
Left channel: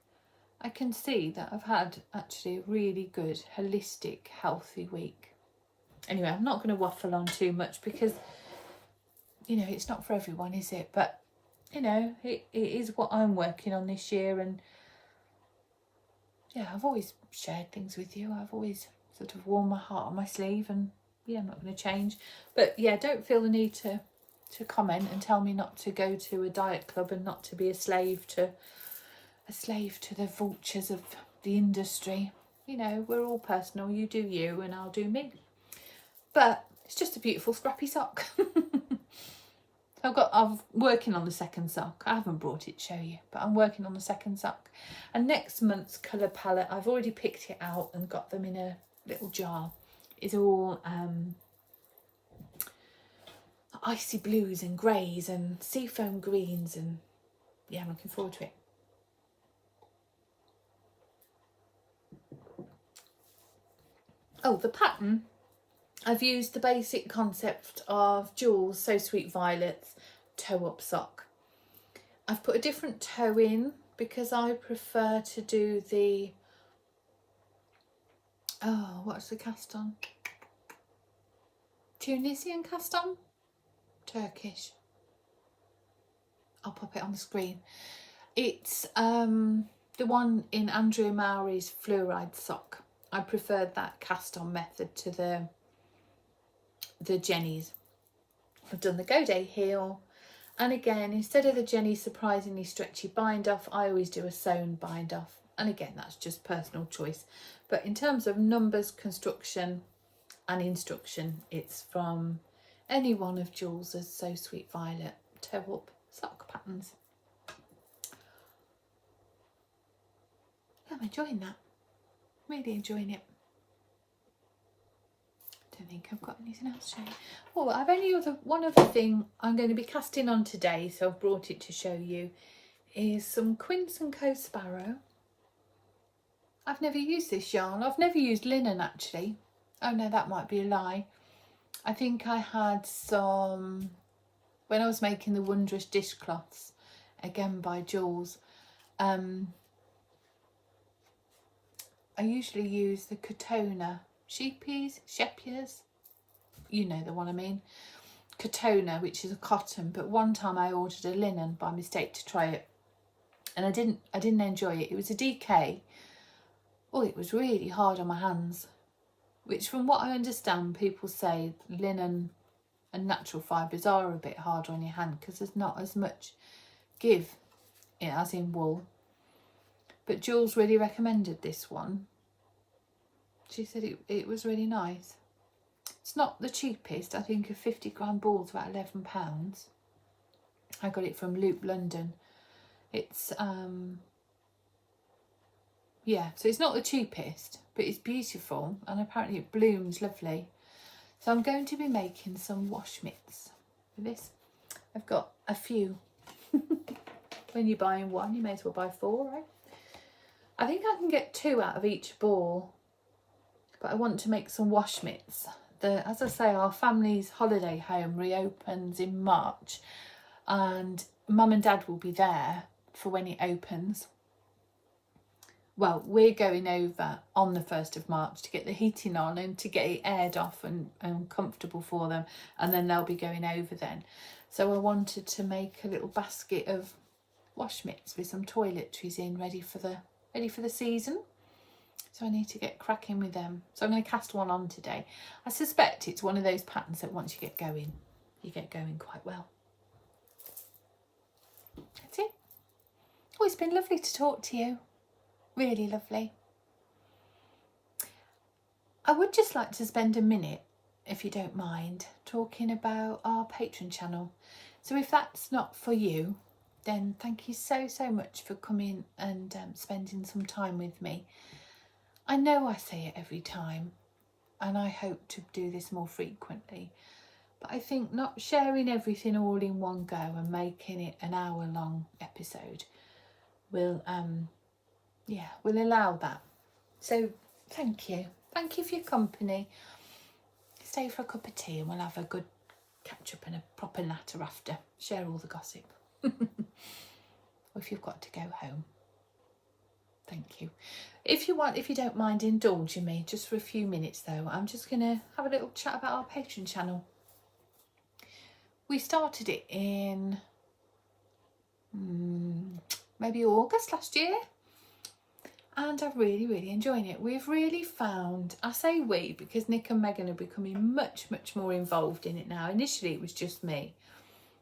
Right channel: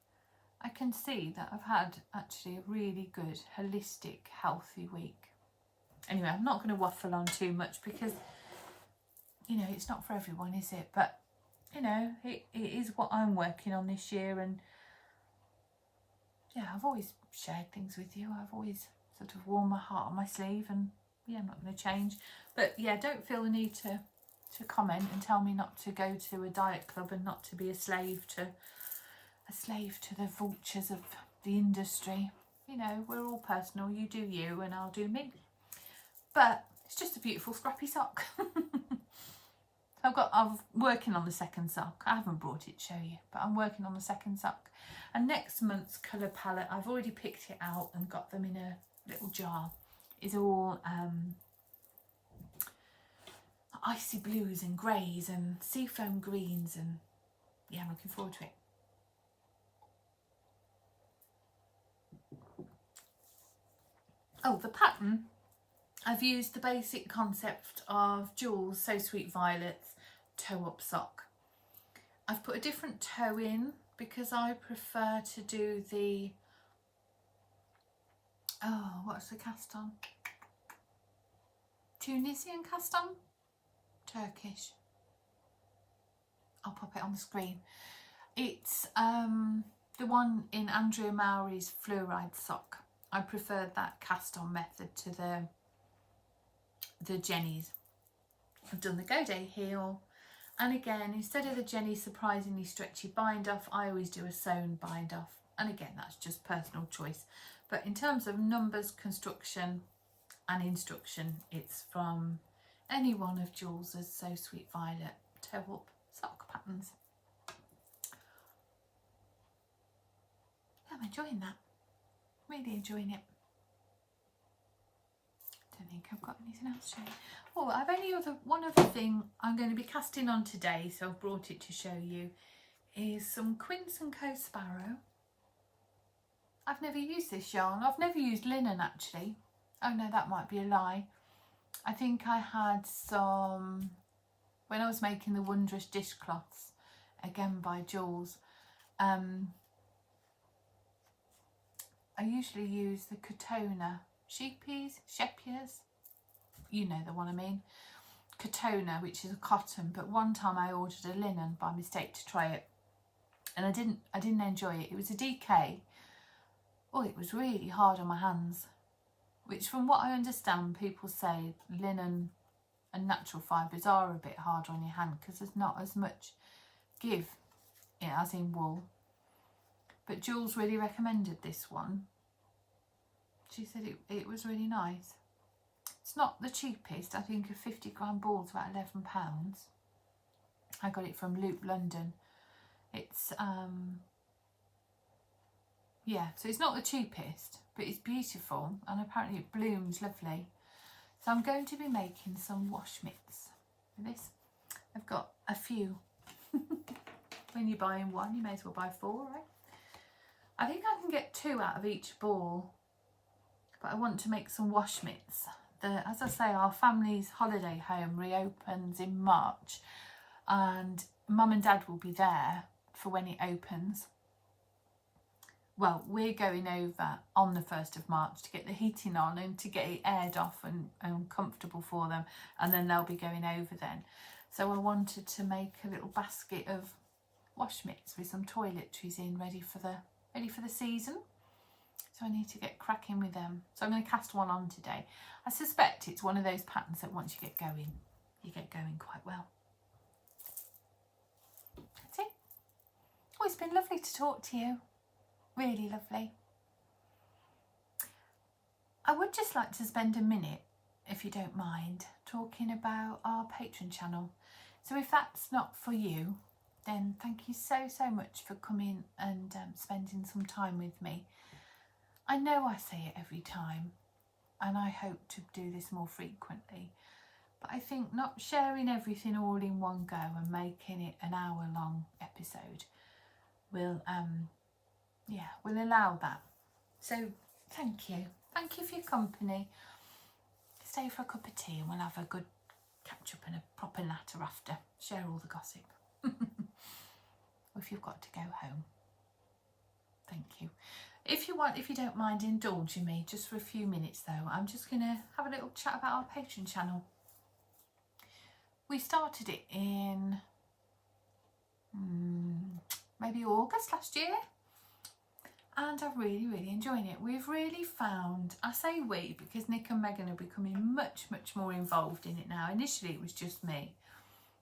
I can see that I've had actually a really good, holistic, healthy week. Anyway, I'm not going to waffle on too much because, you know, it's not for everyone, is it? But, you know, it is what I'm working on this year. And yeah, I've always shared things with you. I've always sort of worn my heart on my sleeve, and yeah, I'm not going to change. But yeah, don't feel the need to comment and tell me not to go to a diet club and not to be a slave to the vultures of the industry. You know, we're all personal. You do you and I'll do me. But it's just a beautiful scrappy sock. I'm working on the second sock. I haven't brought it to show you, but I'm working on the second sock. And next month's colour palette, I've already picked it out and got them in a little jar. It's all icy blues and greys and seafoam greens, and yeah, I'm looking forward to it. Oh, the pattern, I've used the basic concept of Jules' So Sweet Violets toe up sock. I've put a different toe in because I prefer to do the, what's the cast on? Tunisian cast on? Turkish. I'll pop it on the screen. It's the one in Andrea Mowry's fluoride sock. I preferred that cast on method to the Jenny's. I've done the Go Day heel, and again, instead of the Jenny surprisingly stretchy bind off, I always do a sewn bind off, and again, that's just personal choice. But in terms of numbers, construction and instruction, it's from any one of Jules's So Sweet Violet toe up sock patterns. I'm enjoying that, really enjoying it. Don't think I've got anything else to show you. Oh, I've only one other thing I'm going to be casting on today, so I've brought it to show you, is some Quince & Co Sparrow. I've never used this yarn. I've never used linen actually. Oh no, that might be a lie. I think I had some when I was making the wondrous dishcloths, again by Jules. I usually use the Katona sheepies, you know the one I mean. Katona, which is a cotton, but one time I ordered a linen by mistake to try it, and I didn't enjoy it. It was a DK. Oh, it was really hard on my hands, which from what I understand, people say linen and natural fibres are a bit harder on your hand because there's not as much give as in wool. But Jules really recommended this one. She said it was really nice. It's not the cheapest. I think a 50-gram ball is about £11. I got it from Loop London. It's yeah, so it's not the cheapest, but it's beautiful, and apparently it blooms lovely. So I'm going to be making some wash mitts with this. I've got a few. When you're buying one, you may as well buy 4, right? I think I can get 2 out of each ball, but I want to make some wash mitts. As I say, our family's holiday home reopens in March, and Mum and Dad will be there for when it opens. Well, we're going over on the 1st of March to get the heating on and to get it aired off and comfortable for them, and then they'll be going over then. So I wanted to make a little basket of wash mitts with some toiletries in, ready for the season. So I need to get cracking with them. So I'm going to cast one on today. I suspect it's one of those patterns that once you get going, you get going quite well. That's it. Oh, it's been lovely to talk to you. Really lovely. I would just like to spend a minute, if you don't mind, talking about our Patreon channel. So if that's not for you, then thank you so much for coming and spending some time with me. I know I say it every time, and I hope to do this more frequently, but I think not sharing everything all in one go and making it an hour-long episode will allow that. So thank you for your company. Stay for a cup of tea and we'll have a good catch up and a proper natter after. Share all the gossip. Or if you've got to go home. Thank you. If you don't mind indulging me just for a few minutes though, I'm just going to have a little chat about our Patreon channel. We started it in maybe August last year, and I'm really enjoying it. We've really found, I say we because Nick and Megan are becoming much more involved in it now. Initially it was just me.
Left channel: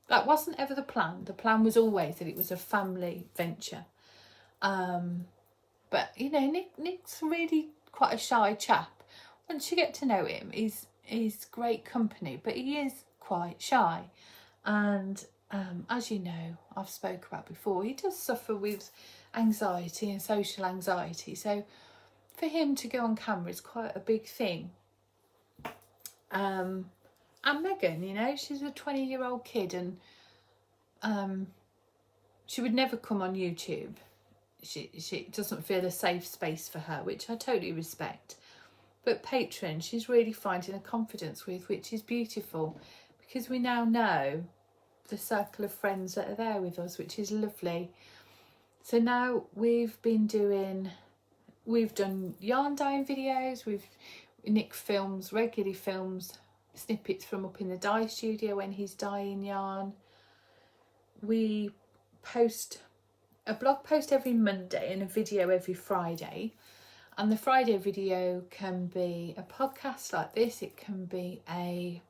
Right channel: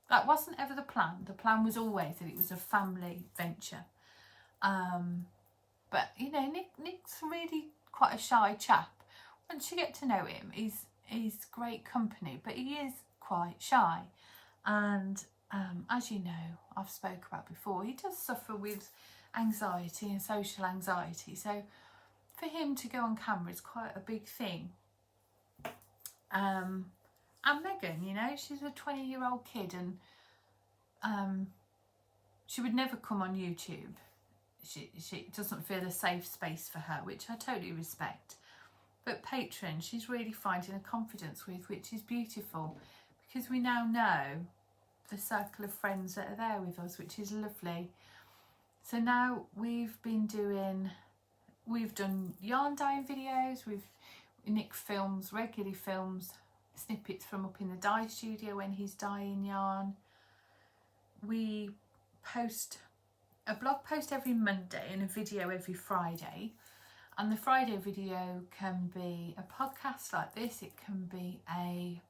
That wasn't ever the plan. The plan was always that it was a family venture. But you know, Nick's really quite a shy chap. Once you get to know him, he's great company, but he is quite shy. And as you know, I've spoke about before, he does suffer with anxiety and social anxiety. So for him to go on camera is quite a big thing. And Megan, you know, she's a 20-year-old kid, and she would never come on YouTube. She doesn't feel a safe space for her, which I totally respect. But Patreon, she's really finding a confidence with, which is beautiful, because we now know the circle of friends that are there with us, which is lovely. So now we've done yarn dyeing videos. Nick regularly films snippets from up in the dye studio when he's dyeing yarn. We post a blog post every Monday and a video every Friday, and the Friday video can be a podcast like this. It can be a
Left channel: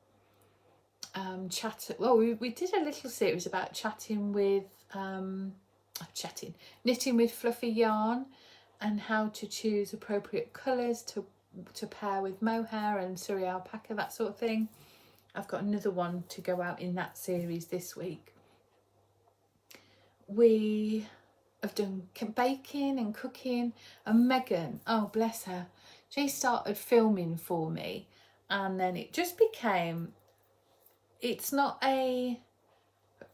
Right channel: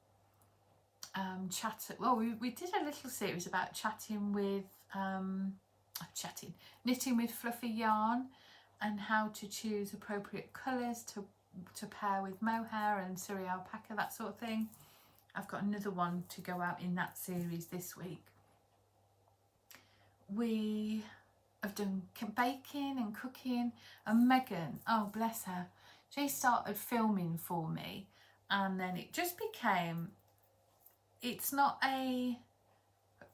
we did a little series about knitting with fluffy yarn and how to choose appropriate colours to pair with mohair and Surrey alpaca, that sort of thing. I've got another one to go out in that series this week. We have done baking and cooking, and Megan, oh bless her, she started filming for me, and then it just became,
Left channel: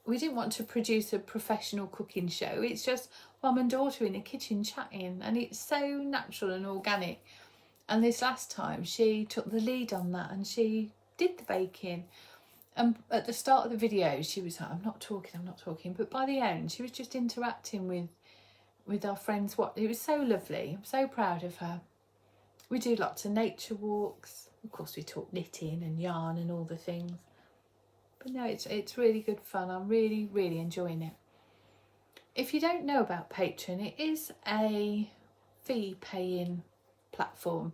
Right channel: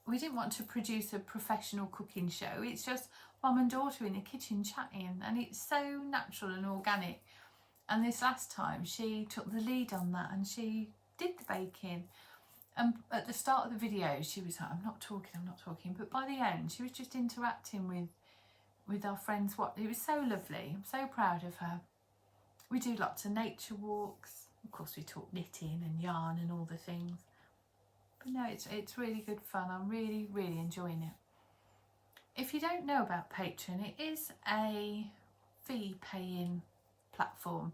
we didn't want to produce a professional cooking show. It's just mum and daughter in the kitchen chatting, and it's so natural and organic. And this last time she took the lead on that and she did the baking. And at the start of the video she was like, I'm not talking, but by the end she was just interacting with our friends. It was so lovely. I'm so proud of her. We do lots of nature walks. Of course we talk knitting and yarn and all the things. But no, it's really good fun. I'm really, really enjoying it. If you don't know about Patreon, it is a fee paying platform.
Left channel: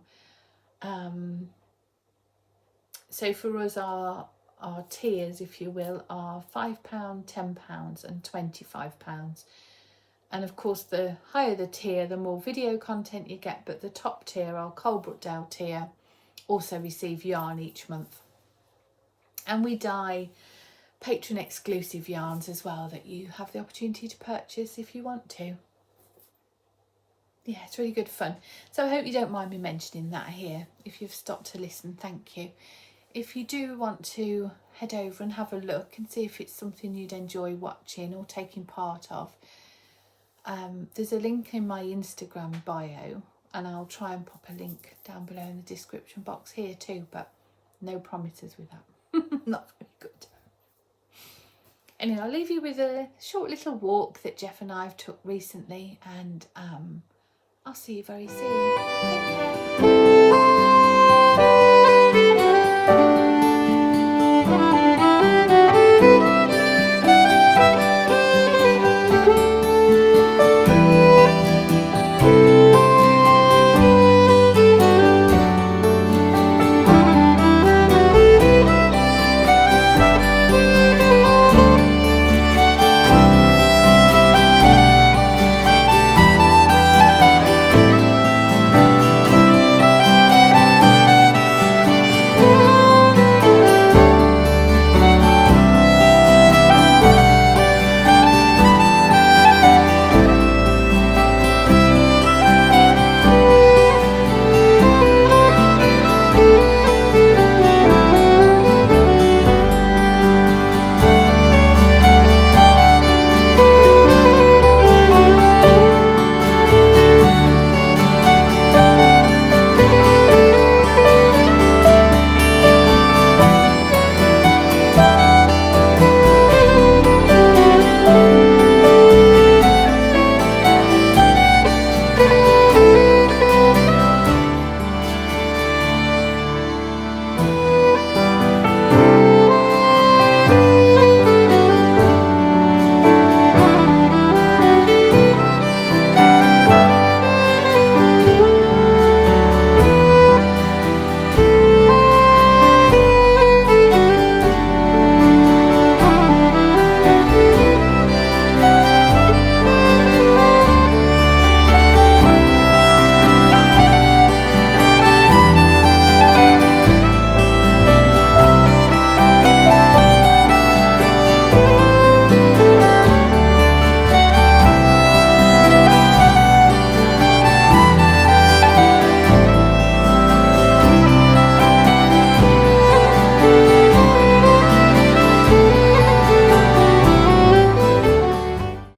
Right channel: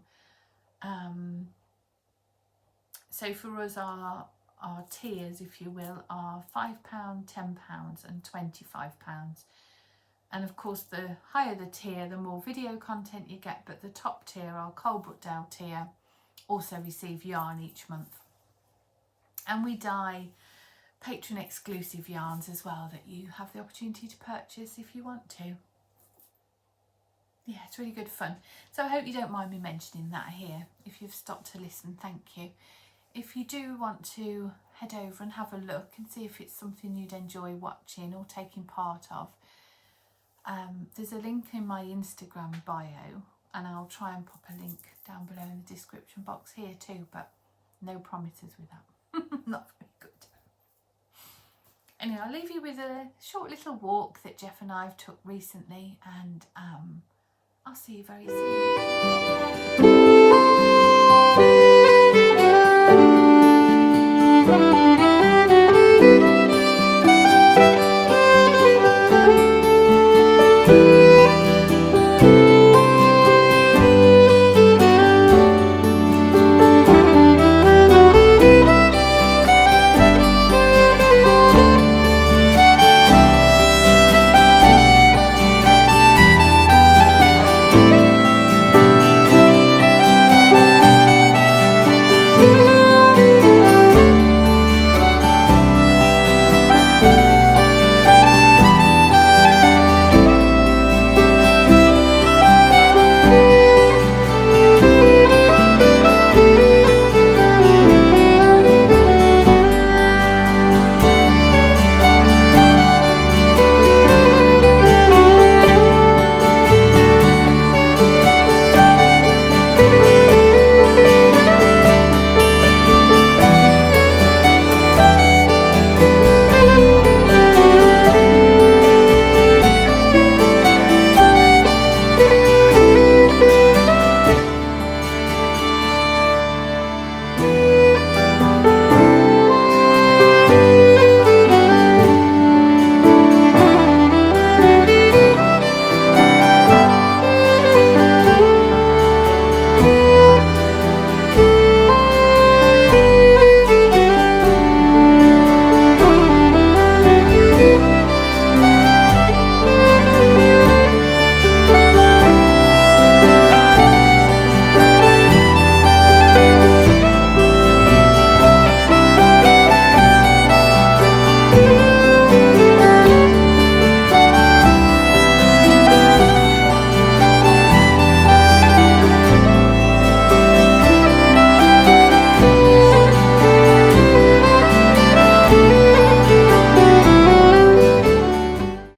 So for us, our tiers, if you will, are £5, £10 and £25. And of course, the higher the tier, the more video content you get. But the top tier, our Coalbrookdale tier, also receive yarn each month. And we dye Patreon exclusive yarns as well that you have the opportunity to purchase if you want to. Yeah, it's really good fun. So I hope you don't mind me mentioning that here. If you've stopped to listen, thank you. If you do want to head over and have a look and see if it's something you'd enjoy watching or taking part of, there's a link in my Instagram bio, and I'll try and pop a link down below in the description box here too, but no promises with that. Not very good. Anyway, I'll leave you with a short little walk that Jeff and I have took recently, and I'll see you very soon.